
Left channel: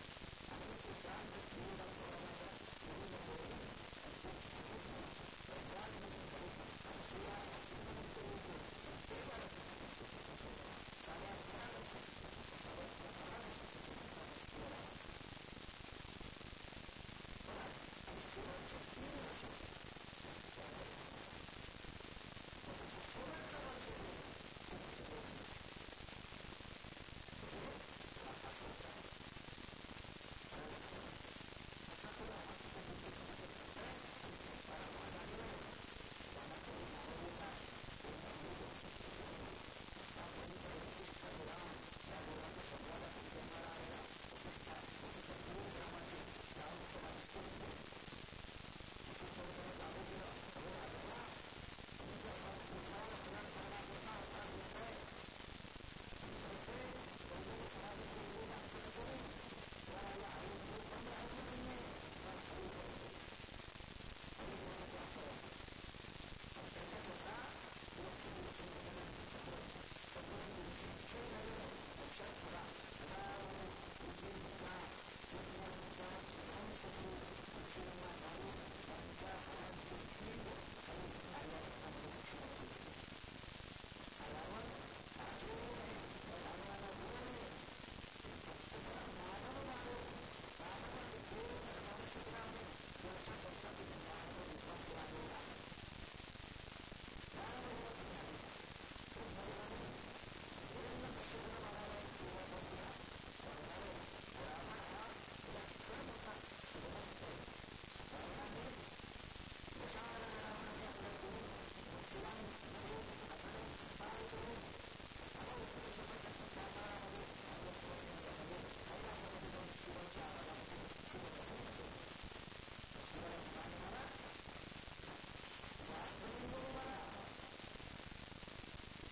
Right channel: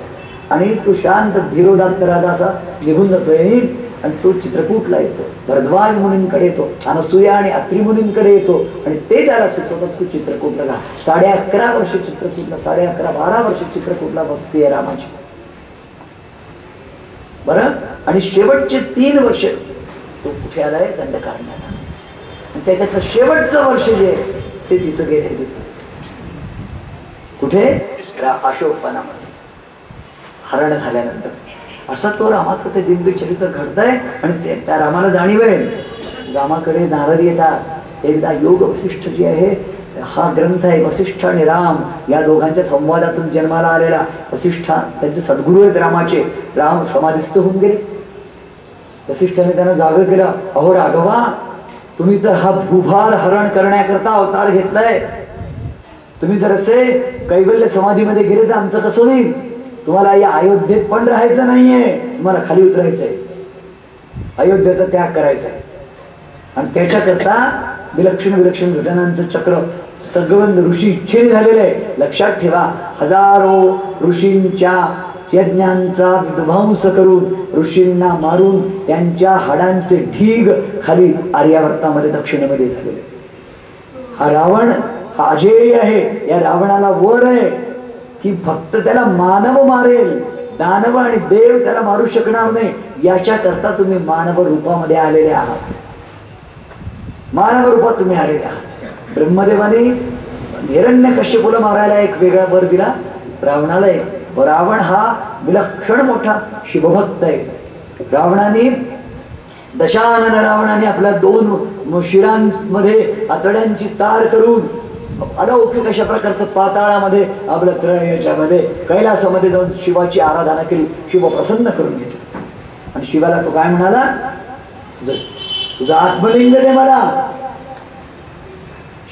आणि तो शांत धीरोदात्त राजा असा निघून जातोय. आणि तो चित्रकूटला येतो, भरद्वाज मुनींकडे येतो, अनसूया आणि अत्री मुनींकडे येतो आणि ते त्याला सुचवतात की चित्रकूटला राहा. 11.5 वर्ष चित्रकूटला, 11.5-12 वर्ष चित्रकूटला वस्ती आहे रामाची. बरं, आणि शेवटचे 3 वर्ष तो कुठे आलाय? दंडकारण्याला. आणि त्याच्यातलं शेवटचं वर्ष जे आहे ते तिचं गेले कुठे? अशोकवनामध्ये हरण झाल्यानंतर. असं तो रामाचं ते दिव्य चरित्र घडतंय आणि त्या रामाला जाणीव आहे. रामाकडे नारद येतात. एकदा योग वसिष्ठ जी आहे, हा ग्रंथ आहे वसिष्ठ आणि राम या दोघांच्या संवादातून जन्माला आलेला. वसिष्ठ त्यांचे सद्गुरू आहेत रामाचे. राम समाधिस्थ होऊन गेले. वसिष्ठाने त्यांना जाग केलं. अहो राघवा, तुम्ही तर हा भूभार हरण करण्याकरता अवतार घेतलाय. तुम्ही जर असे कैवल्य समाधीमध्ये गेले तर आमचं कसं होईल? तुम्हाला या अयोध्येत पण राहायचं नाहीये, तुम्हाला खाली उतरायचंय, अयोध्येचा त्याग करायचा आहे. आणि त्याच्याकरता विलक्षण विलक्षण घटनांचं चक्र सगळं ऋषी इच्छेने झालेलं आहे. लक्षात ठेवा, हजारो ऋषींच्या यज्ञांचा विध्वंस करून, ऋषींना मारून त्यांच्या हाडांचे ढीग खाली आर्यावर्तामध्ये दक्षिणेमध्ये झालेले. हा रावण हा अजेय आहे. या रावणाला वर आहे की फक्त त्याला मानव मारेल, दानव आणि देव त्याला मारू शकणार नाही. याच्याकरता तुम्ही मानव रूपामध्ये आलेले आहात. मानव रूपात तुम्ही आलेले आहात. ब्रह्मदेवाने हिरण्यकश्यपूला मारायला एक वेगळा वर दिला, रावणाला एक. रावण हा विलक्षण मोठा शिवभक्त आहे. रावणाने दशानन रावणाने आपल्या 2 शिरांमध्ये आतड्यांची तार करून अलौकिक अशा प्रकारचं पाताळामध्ये आपल्या याच्यामध्ये कैलासामध्ये जाऊन शिवाची आराधना केली. शिव प्रसन्न करून घेतलं. आणि शिवाला तो काय म्हणाला, तुझं आत्मलिंग दे मला.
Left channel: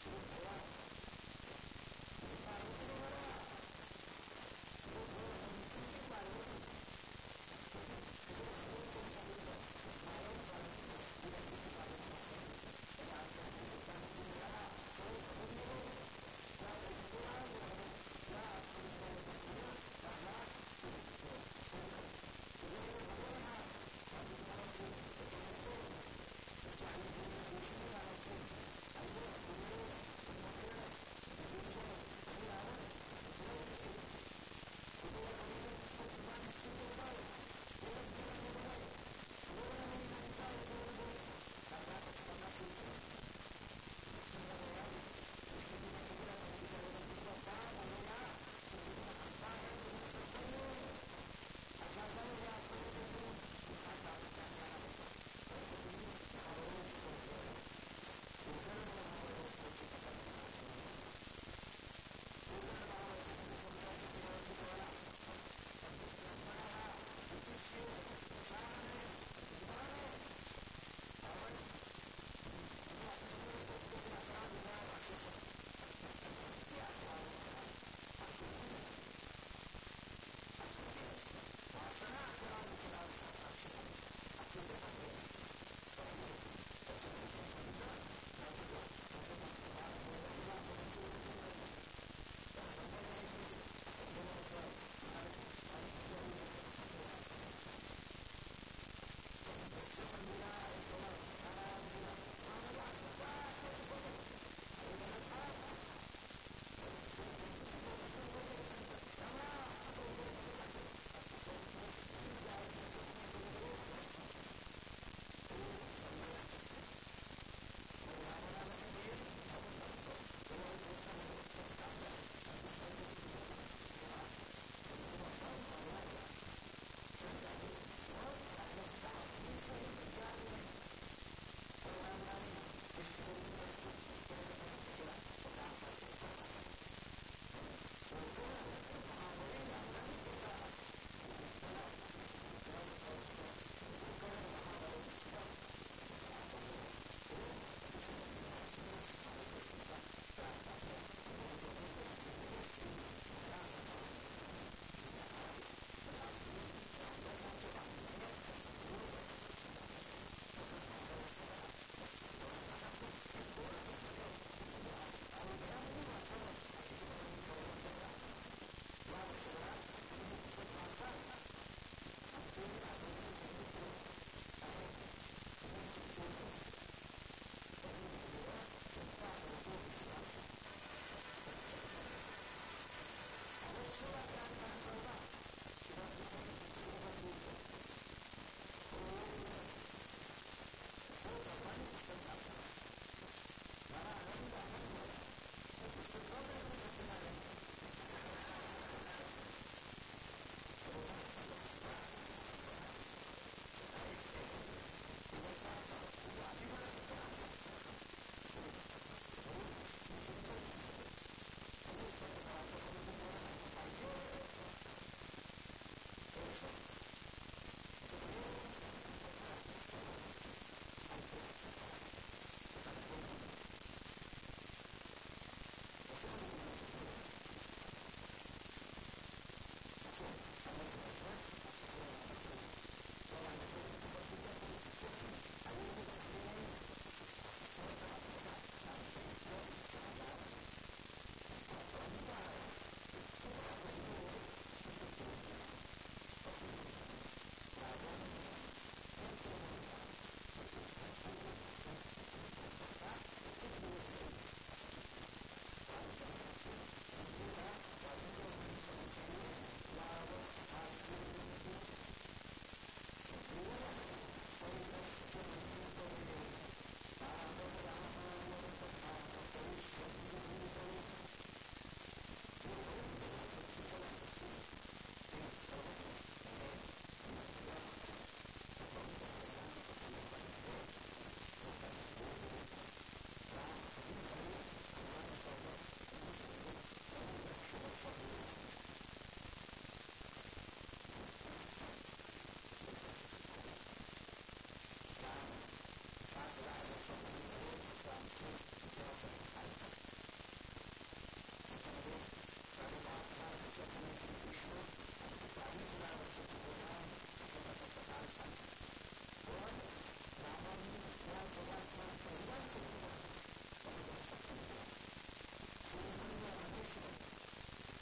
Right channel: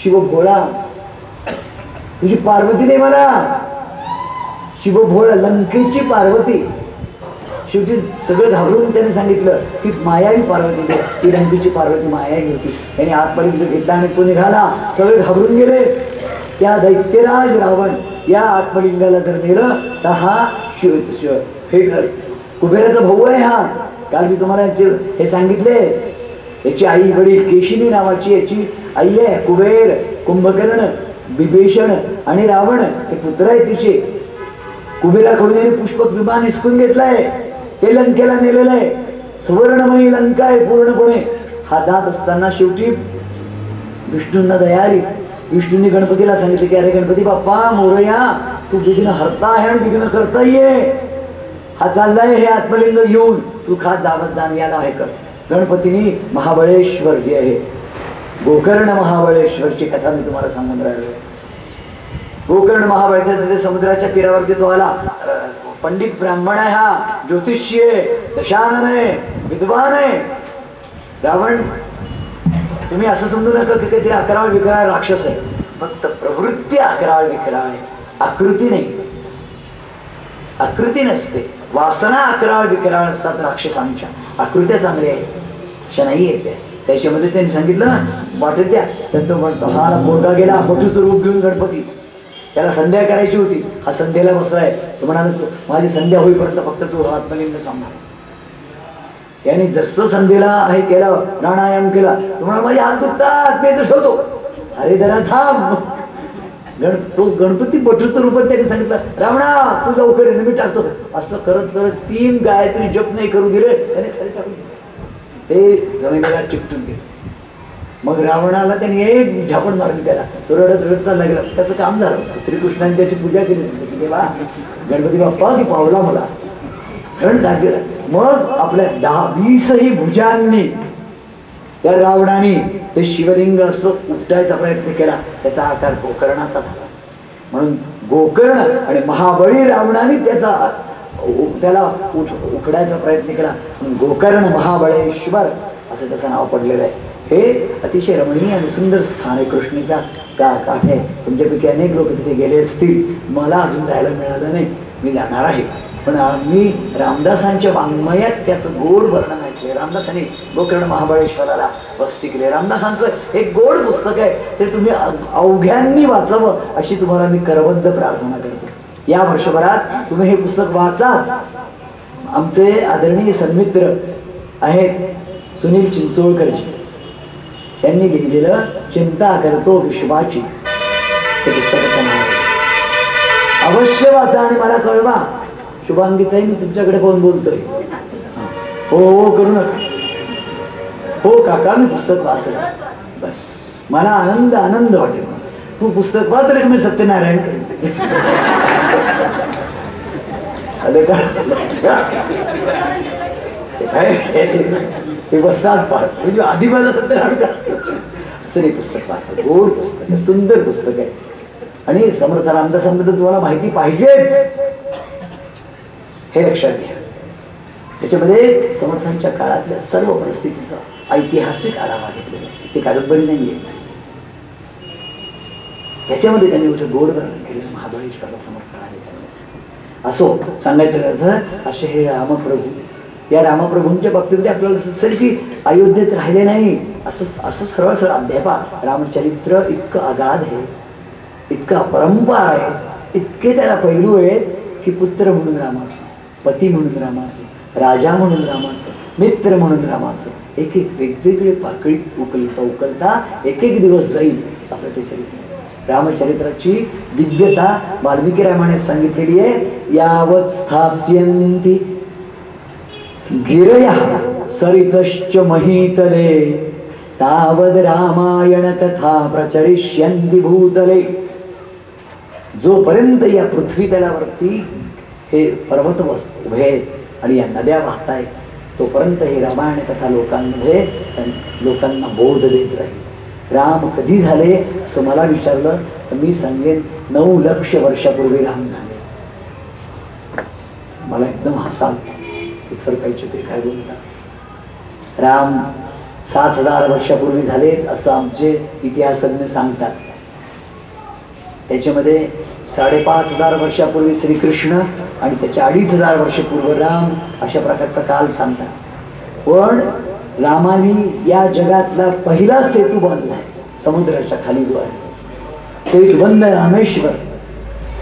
शिव भोळा, तुझी पार्वती दे मला. शिव भोळा, लंकेची पार्वती. शेवटी सगळं घाबरून त्याने सांगितलं की मायावी पार्वती दे. ती लंकेची पार्वती मायावी होती. त्याने आत्मलिंग घेतला आणि तो निघाला. सगळे घाबरून गेले. त्या दैत्यराज रावण या आत्मलिंगाला जर नेलं तर हा शिव हे कुबेराचा भाऊ आहे. हा काल मी तुम्हाला हे सांगितले. याची आई वडील केशिनी नावाची याची आई आहे. कुबेर, कुंभकर्ण, विभीषण आणि रावण हे पुत्र आहेत तिचे. कुबेराकडून याने पुष्पक विमान हिसकून घेतलंय. ते लंकेला नेलेलं आहे. सुवर्णमयी लंका आहे पूर्णपणे. हा जात असताना शेवटी विष्णूंना दया आली. विष्णूंनी गणपतीला सांगितले की अरे गणपती बाप्पा मोरया, तू विघ्न हरता आहे आणि विघ्न करता ये. हा चाललाय हे आत्मलिंग घेऊन, तू खा जावत जाण याला हे कर. गणपतीने महाबळेश्वर जे आहे, गोकर्ण महाबळेश्वरची कथा मी तुम्हाला सांगून राहिलो. गोकर्ण महाबळेश्वर तिथे समुद्राच्या तीरावरती तो आला. पंडित ब्राह्मण आहे, हा ज्योतिषी आहे, दशानन आहे, विद्वान आहे. रावण तुम्ही असं समजू नका की काहीतरी अकराळ विकराळ राक्षस आहे. फक्त प्रवृत्ती अकराळ विकराळ आहे, आकृती नाही. आकृती नसते. वासना अकराळ विकराळ असतात राक्षसांच्या. आकृत्या चांगल्या आहेत अशा नाही येते. त्याच्यामध्ये त्यांनी सांगितलं वाटत द्या. तर तो म्हणतो हा पोरगा गेला पटूचं रूप घेऊन गणपती. त्याला संध्या करायची होती. हा संध्येला बसलाय. तो म्हणाला तू माझी संध्या होईपर्यंत फक्त तू आत्मलिंग सांभाळ. याने जसं संध्येला हे केलं, प्राणायाम केला, तुम्हाला माझे हात दुखतात, मी शोधतो. अरे जरा थांब. तो गणपती पटूचं रूपात त्यांनी सांगितलं रावणा तू लवकर ये, मी टाकतो. असं करत करत 3 गायत्री जप नाही करू दिले, त्याने खाली टाकून ते जमिनीला चिकटून गेले. मग रावणाला त्यांनी एक झापण मारली त्याला. तो रडत रडत चालला गेला. त्याचं काम झालं. श्रीकृष्णाने त्याची पूजा केली. देवा गणपती बाप्पा ती पावला मला कारण कार्य. मग आपल्या 10-20 भुजांनी त्या रावणाने ते शिवलिंग असं उपटायचा प्रयत्न केला. त्याचा आकार गोकर्णाचा झाला. म्हणून गोकर्ण आणि महाबळी रावणाने त्याला उखडायचा प्रयत्न केला. म्हणून गोकर्ण महाबळेश्वर असं त्याचं नाव पडलेलं आहे. हे अतिशय रमणीय आणि सुंदर स्थान आहे. कृष्णेच्या काठे. तुमच्यापैकी अनेक लोक तिथे गेले असतील. मला अजून जायला मिळालं नाही. मी जाणार आहे. पण मी रामदासांच्या वाङ्मयात त्याचं गोड वर्णन ऐकले. रामदासांनी गोकर्ण महाबळेश्वराला वस्ती केली. रामदासांचं एक गोड पुस्तक आहे. ते तुम्ही अवघ्यांनी वाचावं अशी तुम्हाला मी करबद्ध प्रार्थना करतो. या वर्षभरात तुम्ही हे पुस्तक वाचाच. आमचे आदरणीय सन्मित्र आहेत सुनील चिंचोळकरजी. त्यांनी लिहिलेलं चिंता करतो विश्वाची हे पुस्तकाचं नाव आहे. अवश्य वाचा आणि मला कळवा. शुभांगीताई मी तुमच्याकडे पाहून बोलतोय. हो हो करू नका. हो काका मी पुस्तक वाचलं. बस मला आनंद आनंद वाटेल. तू पुस्तक वाचलं की मी सत्यनारायण करेन. ते बसतात पाहत म्हणजे आधी माझा सध्या असं नाही. पुस्तक वाचा, गोड पुस्तक आहे, सुंदर पुस्तक आहे. आणि समर्थ रामदासांबद्दल तुम्हाला माहिती पाहिजेच हे लक्षात घ्या. त्याच्यामध्ये समर्थांच्या काळातल्या सर्व परिस्थितीचा ऐतिहासिक आढावा घेतलेला आहे. ते कादंबरी नाहीये. त्याच्यामध्ये त्यांनी गोड वर्णन केलं महाबळेश्वरला समर्थ आहे. असो सांगायचं अर्थ असे हे रामप्रभू, या रामप्रभूंच्या बाबतीमध्ये आपल्याला दिसेल की अयोध्येत राहिले नाही असं सरळ सरळ अध्यापा. रामचरित्र इतकं अगाध आहे, इतकं अपरंपार आहे, इतके त्याला पैलू आहेत की पुत्र म्हणून रामाचं, पती म्हणून रामाचं, राजा म्हणून रामाचं, मित्र म्हणून रामाचं, एक एक वेगवेगळे पाकळी उकलता एक एक दिवस जाईल असं ते चरित्र. रामचरित्राची दिव्यता वाल्मिकी रामायणात सांगितलेली आहे. यावत स्थास्यन्ति गिरया सरितश्च महीतले तावद रामायण कथा प्रचरिष्यन्ति भूतले. जोपर्यंत या पृथ्वी तलावरती हे पर्वत उभे आहेत आणि या नद्या वाहत आहेत, तोपर्यंत हे रामायण कथा लोकांमध्ये लोकांना बोध देत राहील. राम कधी झाले असं मला विचारलं तर मी सांगेन 9 लक्ष वर्षापूर्वी राम झाले. मला एकदम हसाल की सर काही काय बोलतात. राम 7,000 वर्षापूर्वी झाले असं आमचे इतिहासज्ञ सांगतात. त्याच्यामध्ये 5,500 वर्षापूर्वी श्रीकृष्ण आणि त्याच्या 2,500 वर्षपूर्व राम अशा प्रकारचा काल सांगतात. पण रामाने या जगातला पहिला सेतू बांधलाय समुद्राच्या खाली जो आहे सेतुबंध रामेश्वर.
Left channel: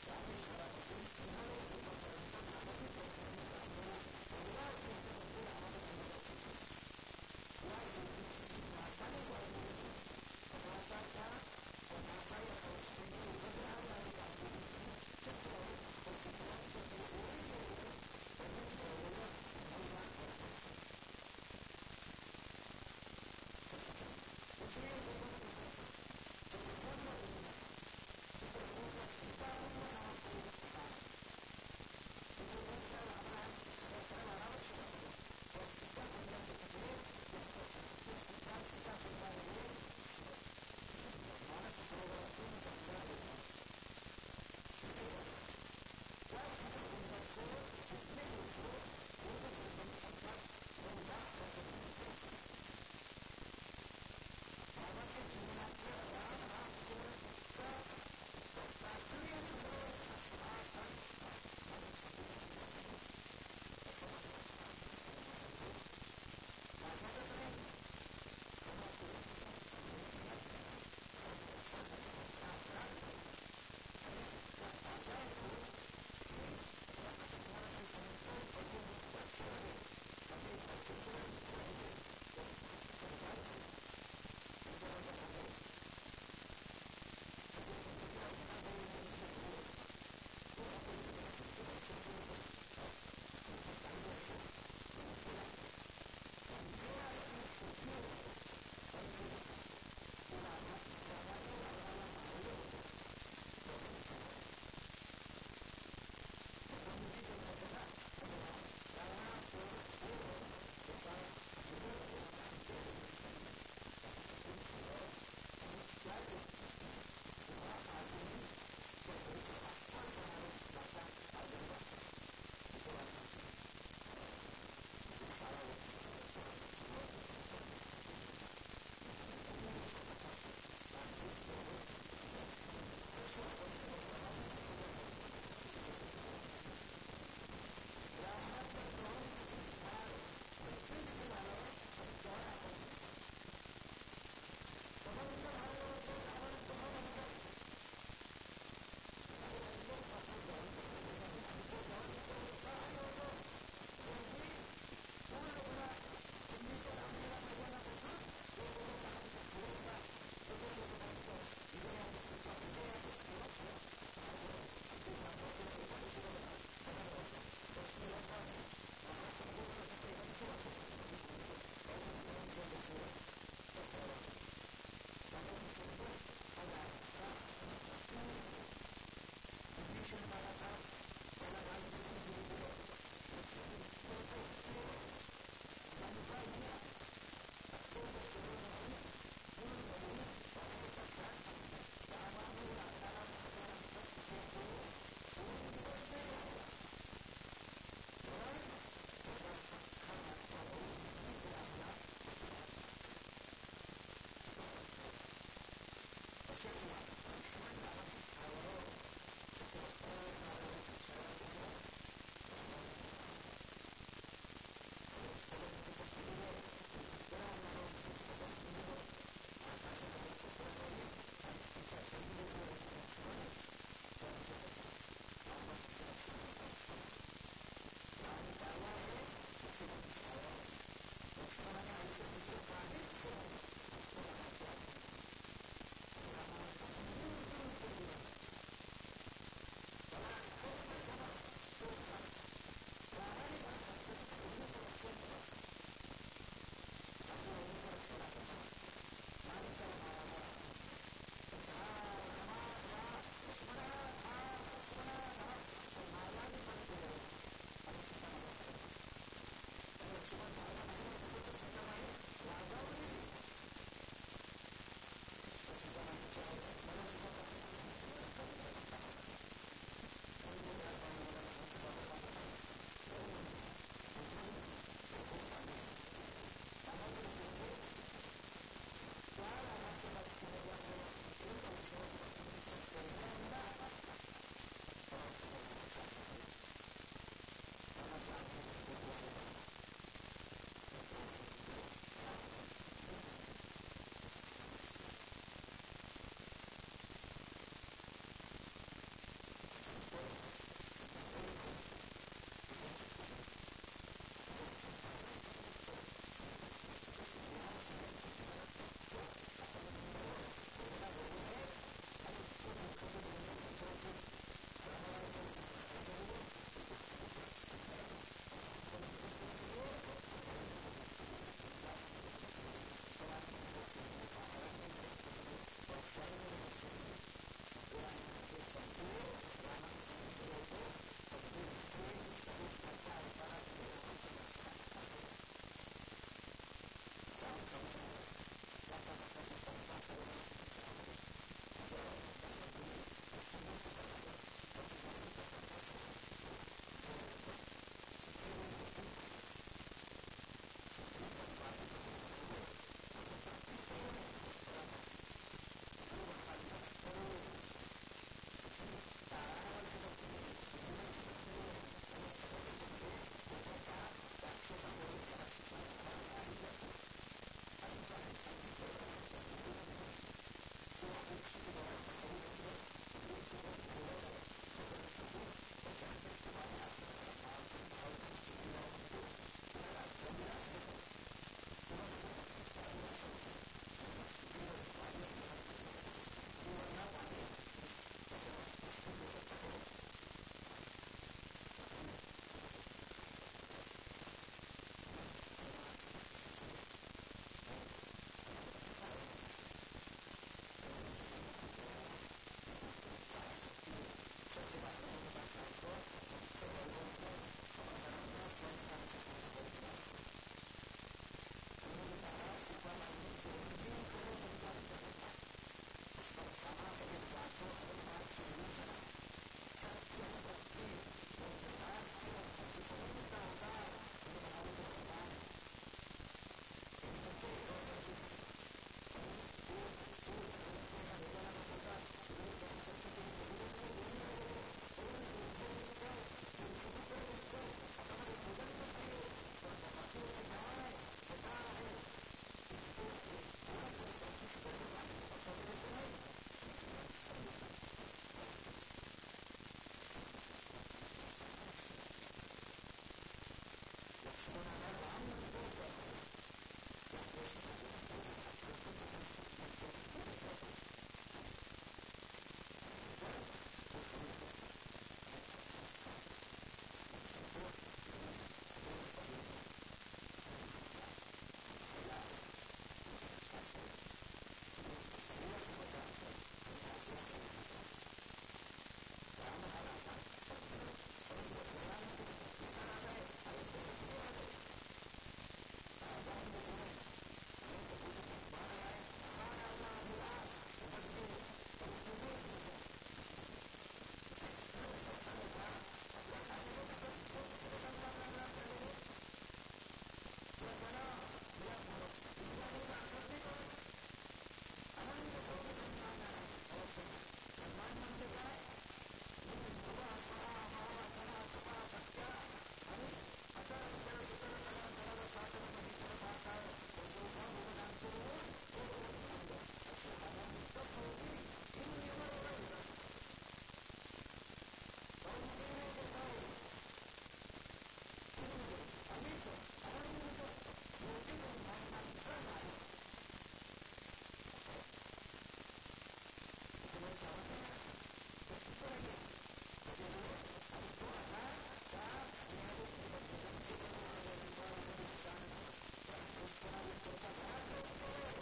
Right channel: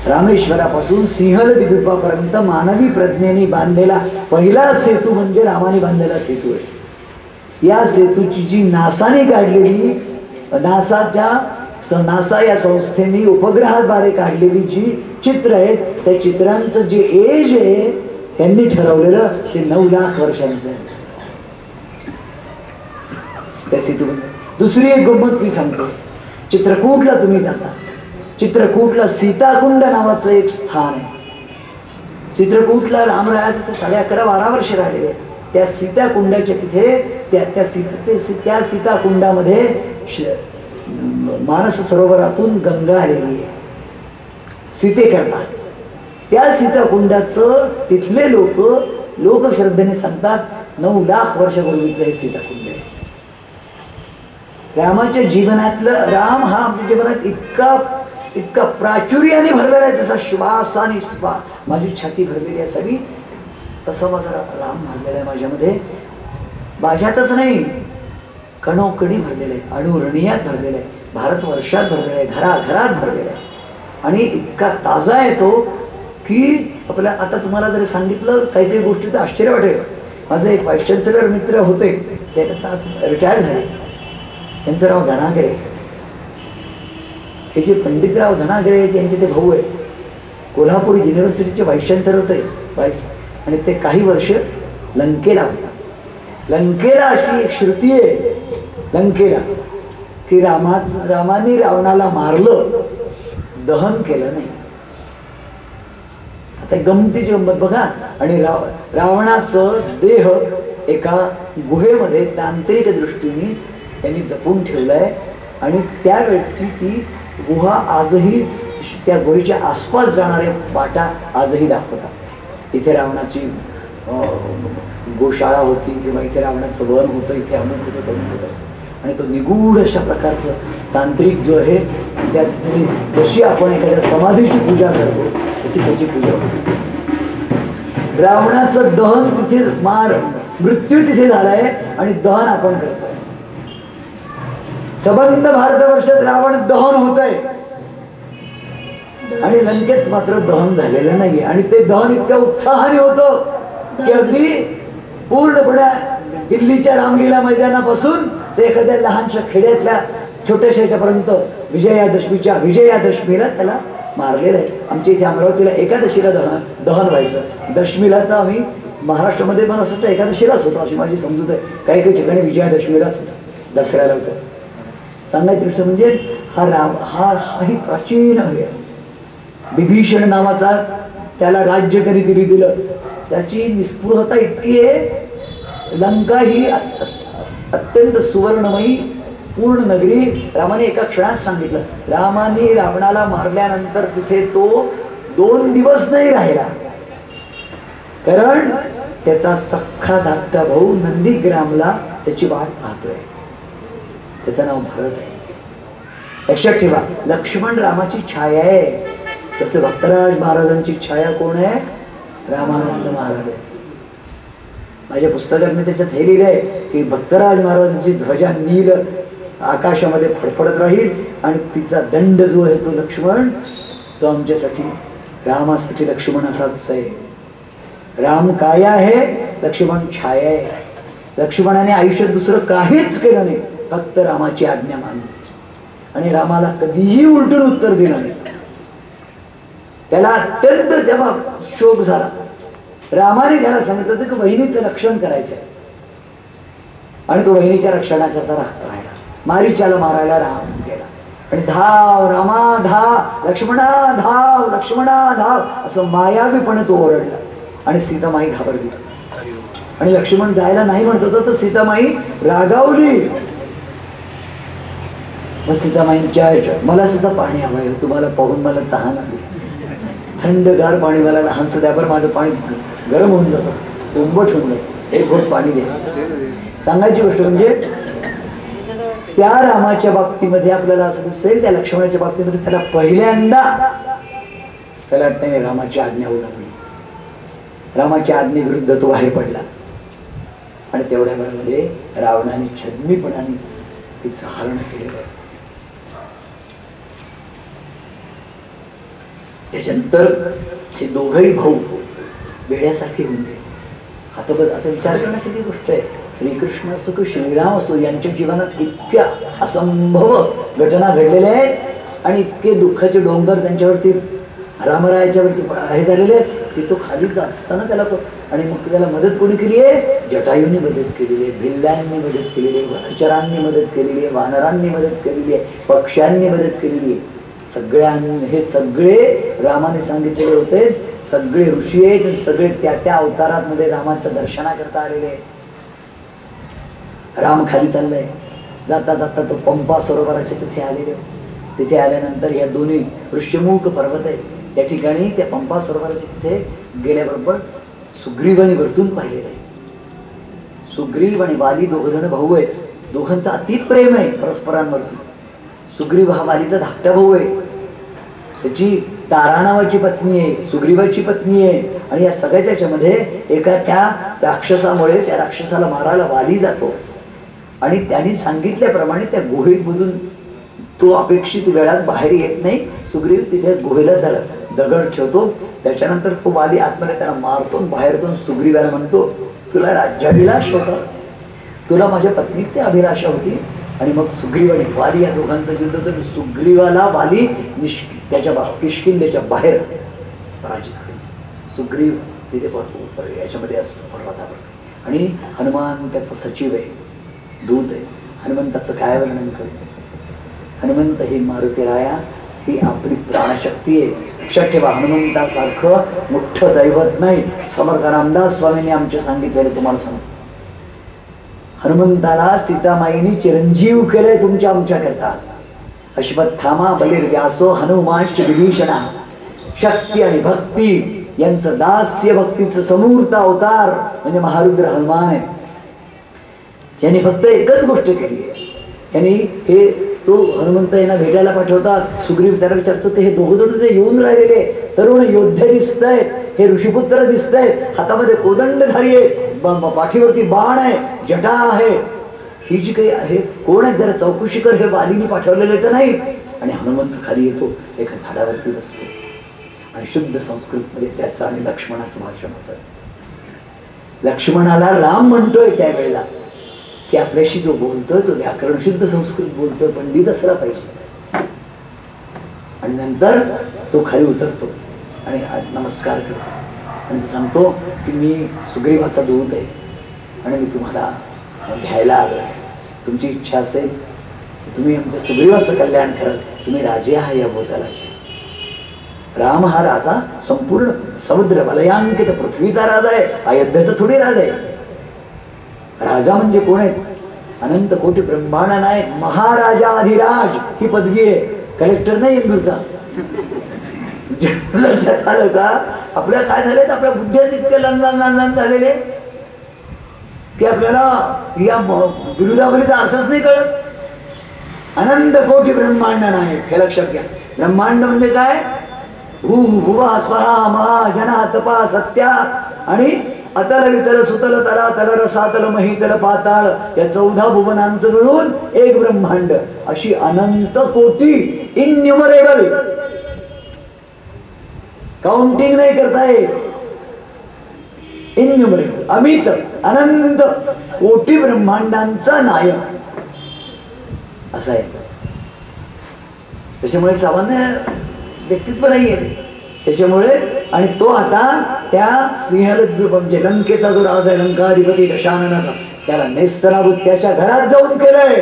रामेश्वरापासून सिंहल द्वीपापर्यंत मानवी प्रज्ञेने बांधलेला पहिला सेतू म्हणजे रामाने बांधलेला सेतू आहे. या सेतूची जी नासाने काढलेली नासा या संस्थेने उपग्रहाद्वारे काढलेली जी चित्र आहेत त्या चित्रांचं जे एज आहे त्यांनी ठरवलेलं ते 9 लाख वर्षांचं आहे त्या सेतूबंध. दुसरी एक गंमत मी सांगतो. चित्रकूटला तुम्ही जाता, चित्रकूटला सीताकुंड नावाचं एक स्थान आहे. चित्रकूटला रामरायाचं ते 11.5-12 वर्ष राहिलेले. त्या सीताकुंडाच्या तिथे त्या सीताकुंडामध्ये मानस सरोवरातून गंगा आलेली आहे सीतेकरता. त्या सीताकुंडाचं तिथले लोकश्रद्धेने सांगतात 9 लाख वर्षापूर्वीचं हे सीताकुंड आहे. रामाच्या जीवनातलं राम हा आमच्या जीवनात इतका प्राचुर्याने भरलेला आहे. जसा श्वास आणि माझी छाती भरलेली आहे सगळी, तसं माझा राम भरलेला आहे माझ्यामध्ये. माझ्यातच नाही, कणोकणी भरलेलं आहे, अणुरणियात भरलेलं आहे, भारतवर्षात भरलेलं आहे, घराघरात भरलेलं आहे. आणि इतका ताजा आहे तो की आपल्या आता तुम्हाला जरी सांगितलं काही काही गोष्टी तर आश्चर्य वाटेल. माझे एक व्हाईस चान्सलर मित्र होते, ते रिटायर्ड झाले. त्यांचं नाव धनागरे. हे जे पंडितराव धनागरे त्यांचे ते भाऊ आहे. कोल्हापूर युनिव्हर्सिटीचे व्हाईस चान्सलर होते आणि ते काही वर्ष लंकेला होता. लंकेला अशी एक श्रुती आहे लंकेला की रामाने रावणाला मारलं, दहन केलं नाही. आता गमतीची गंमत बघा. आणि रावणाचं देह एका गुहेमध्ये तांत्रिक दृष्टीने त्यांनी जपून ठेवलंय. आणि त्यावेळची ती गुहा आजही त्या गुहेच्या आसपास जाणारे वाटा आजही दाखवतात. इथे रावणाची गोशाळा होती किंवा इथे रावणाचं वन होतं, इथे अमुक होतं तमुक होतं असं. आणि तो निगूढ अशा प्रकारचं तांत्रिक जो आहे त्या तिथे जशी आपण एखाद्या समाधीची पूजा करतो तशी त्याची पूजा होती. रावणाचं दहन तिथे मृत्यू तिथे झालाय आणि दहन आपण करतोय. सबंध भारतवर्षात रावण दहन होत आहे आणि लंकेत मात्र दहन झालेलं नाहीये. आणि ते दहन इतक्या उत्साहाने होतं की अगदी पूर्णपणे दिल्लीच्या रामलीला मैदानापासून ते एखाद्या लहानशा खेड्यातल्या छोट्याशा ह्याच्यापर्यंत विजयादशमीला त्याला मारलेलं आहे. आमच्या इथे अमरावतीला एकादशीला दहन व्हायचं. दशमीला तर आम्ही महाराष्ट्रामध्ये पण असं एकादशीलाच होतं अशी माझी समजूत आहे. काही काही ठिकाणी विजयादशमीलाच होतं, दसऱ्याला होतं. सांगायची गोष्ट म्हणजे हाही प्राचीन आहे. विभीषण नावाचा त्याला राज्य तरी दिलं. त्याची निस्पृहता इतकी आहे लंका ही अत्यंत सुवर्णमयी पूर्ण नगरी रामाने एका क्षणात सांगितलं. रामाने रावणाला मारल्यानंतर तिथे तो 2 दिवस नाही राहिला, कारण त्याचा सख्खा धाकटा भाऊ नंदीग्रामला त्याची वाट पाहतोय. त्याचं नाव भरत आहे. लक्षात ठेवा, लक्ष्मण रामाची छाया आहे. तसं भक्तराज महाराजांची छाया कोण आहे? रामानंद महाराज. माझ्या पुस्तकात मी त्याच्यात हे लिहिलं आहे की भक्तराज महाराजांची ध्वजा नील आकाशामध्ये फडफडत राहील आणि तिचा दंड जो आहे तो लक्ष्मण, तो आमच्यासाठी रामासाठी लक्ष्मण असाच आहे. राम काय आहे? लक्ष्मण छाया आहे. लक्ष्मणाने आयुष्यात दुसरं काहीच केलं नाही, फक्त रामाची आज्ञा मानली आणि रामाला कधीही उलटून उत्तर दिलं नाही. त्याला अत्यंत तेव्हा शोक झाला. रामाने त्याला सांगितलं होतं की बहिणीचं रक्षण करायचं आणि तो बहिणीच्या रक्षणाकरता राहिला. मारीच्याला मारायला राम गेला आणि धाव रामा धाव, लक्ष्मणा धाव, लक्ष्मणा धाव असं मायावीपणे तो ओरडला आणि सीतामाई घाबरली आणि लक्ष्मण जायला नाही म्हणत होता तर सीतामाई रागावली. मग सीतामाईंच्या मला सुद्धा पाणी हवंय, तुम्हाला पाहून मला तहान आली, थंडगार पाणी मला लहानसं द्या, बरं माझं पाणी गरम होऊन जातं, कोंबट होऊन जातं, एक घोट पाणी द्या. सांगायची गोष्ट म्हणजे त्या रामाच्या बाबतीमध्ये आपल्याला असं दिसेल, त्या लक्ष्मणाच्या बाबतीमध्ये त्याला पहिल्यांदा त्याला वाटतं रामाची आज्ञा उल्लंघली, रामाच्या आज्ञेविरुद्ध तो बाहेर पडला आणि तेवढ्या वेळामध्ये रावणाने छद्मीपणाने तिचं हरण केलेलं आहे. त्याच्यानंतर हे दोघही भाऊ वेड्यासारखे होऊन गेले. आता विचार करण्यासारखी गोष्ट आहे. श्रीकृष्ण असो की श्रीराम असो, यांच्या जीवनात इतक्या असंभव घटना घडलेल्या आहेत आणि इतके दुःखाचे डोंगर त्यांच्यावरती रामरायाच्या वरती हे झालेले आहेत की तो खाली जात असताना त्याला आणि मग त्याला मदत कोणी केली आहे? जटायूंनी मदत केलेली आहे, भिल्लांनी मदत केलेली आहे, वनचरांनी मदत केलेली आहे, वानरांनी मदत केलेली आहे, पक्ष्यांनी मदत केलेली आहे. हे सगळे रामाने सांगितलेले होते. सगळे ऋषी आहेत, सगळे त्या त्या अवतारात मध्ये रामाचं दर्शना करता आलेले आहे. राम खाली चाललाय, जाता जाता तो पंपा सरोवराच्या तिथे आलेले. तिथे आल्यानंतर या दोन्ही ऋष्यमुख पर्वत आहे, त्या ठिकाणी त्या पंपा सरोवराच्या तिथे गेल्याबरोबर सुग्रीवाने वरतून पाहिलेलं आहे. सुग्रीव आणि वाली दोघ जण भाऊ आहेत. दोघांचं अतिप्रेम आहे परस्परांवरती. सुग्रीव हा वालीचा धाकटा भाऊ आहे, त्याची तारा नावाची पत्नी आहे, सुग्रीवाची पत्नी आहे आणि या सगळ्याच्या याच्यामध्ये एका त्या राक्षसामुळे त्या राक्षसाला मारायला वाली जातो आणि त्यांनी सांगितल्याप्रमाणे त्या गुहेमधून तो अपेक्षित वेळात बाहेर येत नाही. सुग्रीव तिथे गुहेला दगड ठेवतो. त्याच्यानंतर तो वाली आतमध्ये त्याला मारतो, बाहेरतून सुग्रीवाला म्हणतो, तुला राज्याभिलाष होता, तुला माझ्या पत्नीची अभिलाषा होती. आणि मग सुग्रीव आणि वाली या दोघांचं युद्ध होतं. सुग्रीवाला वाली त्याच्या किष्किंधेच्या बाहेर पराजित करतो. सुग्रीव तिथे याच्यामध्ये असतो पर्वतावर आणि हनुमान त्याचा सचिव आहे, दूत आहे. हनुमंताचं काय वर्णन करतो? हनुमंत ही मारुतीराया ही आपली प्राणशक्ती आहे. लक्षात ठेवा, हनुमंतासारखं मोठं दैवत नाही. समर्थ रामदास स्वामींनी आमचे सांगितलेले तुम्हाला सांगतो. हनुमंताला सीतामाईनी चिरंजीव केलंय तुमच्या आमच्या करता. अश्वत्थामा बलिर व्यासो हनुमांश विभीषणा. शक्ती आणि भक्ती यांचं दास्य भक्तीचं समूर्त अवतार म्हणजे महारुद्र हनुमान आहे. यांनी फक्त एकच गोष्ट केली आहे. यांनी हे तो हनुमंत यांना भेटायला पाठवतात. सुग्रीव त्याला विचारतो ते हे दोघं जण जे येऊन राहिलेले तरुण योद्धे दिसत आहेत, हे ऋषीपुत्र दिसत आहेत, हातामध्ये कोदंडधारी आहे, पाठीवरती बाण आहे, जटा आहे, ही जी काही आहे कोण आहे जरा चौकशी कर, हे वालीने पाठवलेले तर नाही. आणि हनुमंत खाली येतो, एका झाडावरती बसतो आणि शुद्ध संस्कृतमध्ये त्याचं आणि लक्ष्मणाचं भाषण होतं. लक्ष्मणाला राम म्हणतोय त्यावेळेला की आपल्याशी जो बोलतोय तो व्याकरण शुद्ध संस्कृत बोलतोय, पंडित असला पाहिजे. आणि नंतर तो खाली उतरतो आणि नमस्कार करतो आणि तो सांगतो की मी सुग्रीवाचा दूत आहे आणि मी तुम्हाला घ्यायला आलो आहे. तुमची इच्छा असेल तर तुम्ही आमच्या सुग्रीवाचं कल्याण कराल. तुम्ही राजे आहात या भूतलाचे. राम हा राजा संपूर्ण समुद्र वलयांकित पृथ्वीचा राजा आहे, अयोध्येचा थोडी राजा आहे. राजा म्हणजे कोण आहेत? अनंत कोटी ब्रह्मांड नायक महाराजाधिराज ही पदवी आहे. कलेक्टर नाही इंदूरचा. लक्षात आलं का? आपल्या काय झालंय, आपल्या बुद्धीच इतके लहान झालेले की आपल्याला या विरुद्धावरीचा अर्थच नाही कळत. अनंत कोटी ब्रह्मांड नायक हे लक्षात घ्या. ब्रह्मांड म्हणजे काय? भू भुवा स्वहा महा जना तपा सत्या आणि अतल वितल सुतल तला तल रसातल महितल पाताळ या 14 भुवनांचं मिळून एक ब्रह्मांड. अशी अनंत कोटी, इन्युमरेबल, काउंटिंग नाही करता येत. इन्युमरेबल, अमित, अनंत कोटी ब्रह्मांडांचा नायक असं आहे. त्याच्यामुळे सामान्य व्यक्तित्व नाही आहे त्याच्यामुळे. आणि तो आता त्या सिंहल म्हणजे लंकेचा जो राजा आहे, लंकाधिपती दशाननाचा, त्याला नेस्तनाभूत त्याच्या घरात जाऊन केलंय.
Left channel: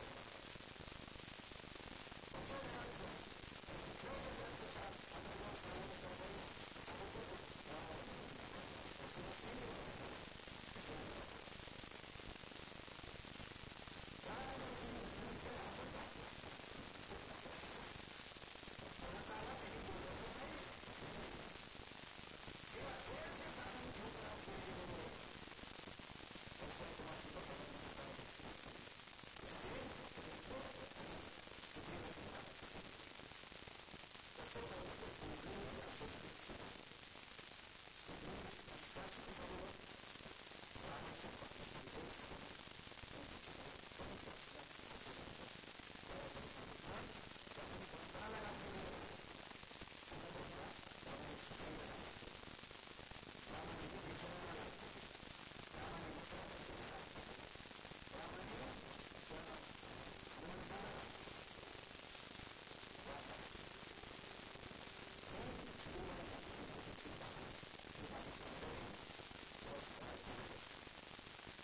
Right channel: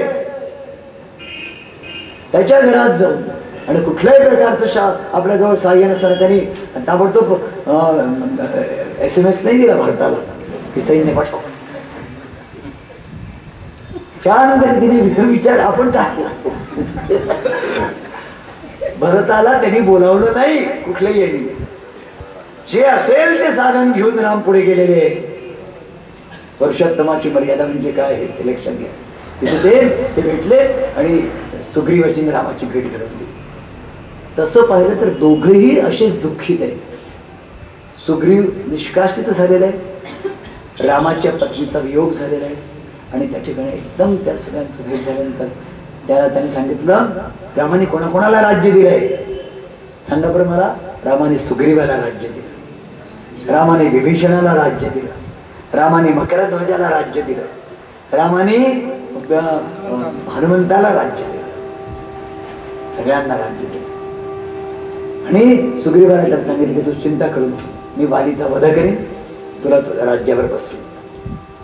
त्याच्या घरात जाऊन. आणि कुठल्याही प्रकारचं आपल्या जवळ सहाय्य नसताना त्यांनी ताबडतोब SMS नाही दिला भारताला की सैन्य पाठवा. शांत तिने विचार आपण काय भरताला त्यांनी बोलावलं नाही कुठल्याही यांनी. जे असेल ते साधन घेऊन राम पुढे गेलेले. पुरुषोत्तमाची मर्यादा म्हणजे काय हे लक्षात घ्या. तिथे ते भेटले आणि सुग्रीवाची रामाची भेट घडवली. तसं पाहिलं तर दोघंही असेच दुःखित आहेत. सुग्रीव निष्कासित झालेला आहे, रामाच्या पत्नीचा वियोग झालेला आहे. आणि त्या ठिकाणी एकदम त्या सगळ्यांचं भेट झाल्यानंतर त्याला त्यांनी सांगितलं, रामाने कोणाकोणाला राज्य दिलंय सांगा बरं मला. रामाने सुग्रीवाला राज्य दिलं, रामाने विभीषणाला राज्य दिलं, रामाने मकरध्वजाला राज्य दिलं, रामाने हनुमंताला राज्य दिलं, सगळ्यांना राज्य दिलं. आणि सुग्रीवाला त्याला सांगितलं की तू चिंता करू नको, मी वालीचा वध करेन, तुला तुझ्या राज्यावर बसवेन.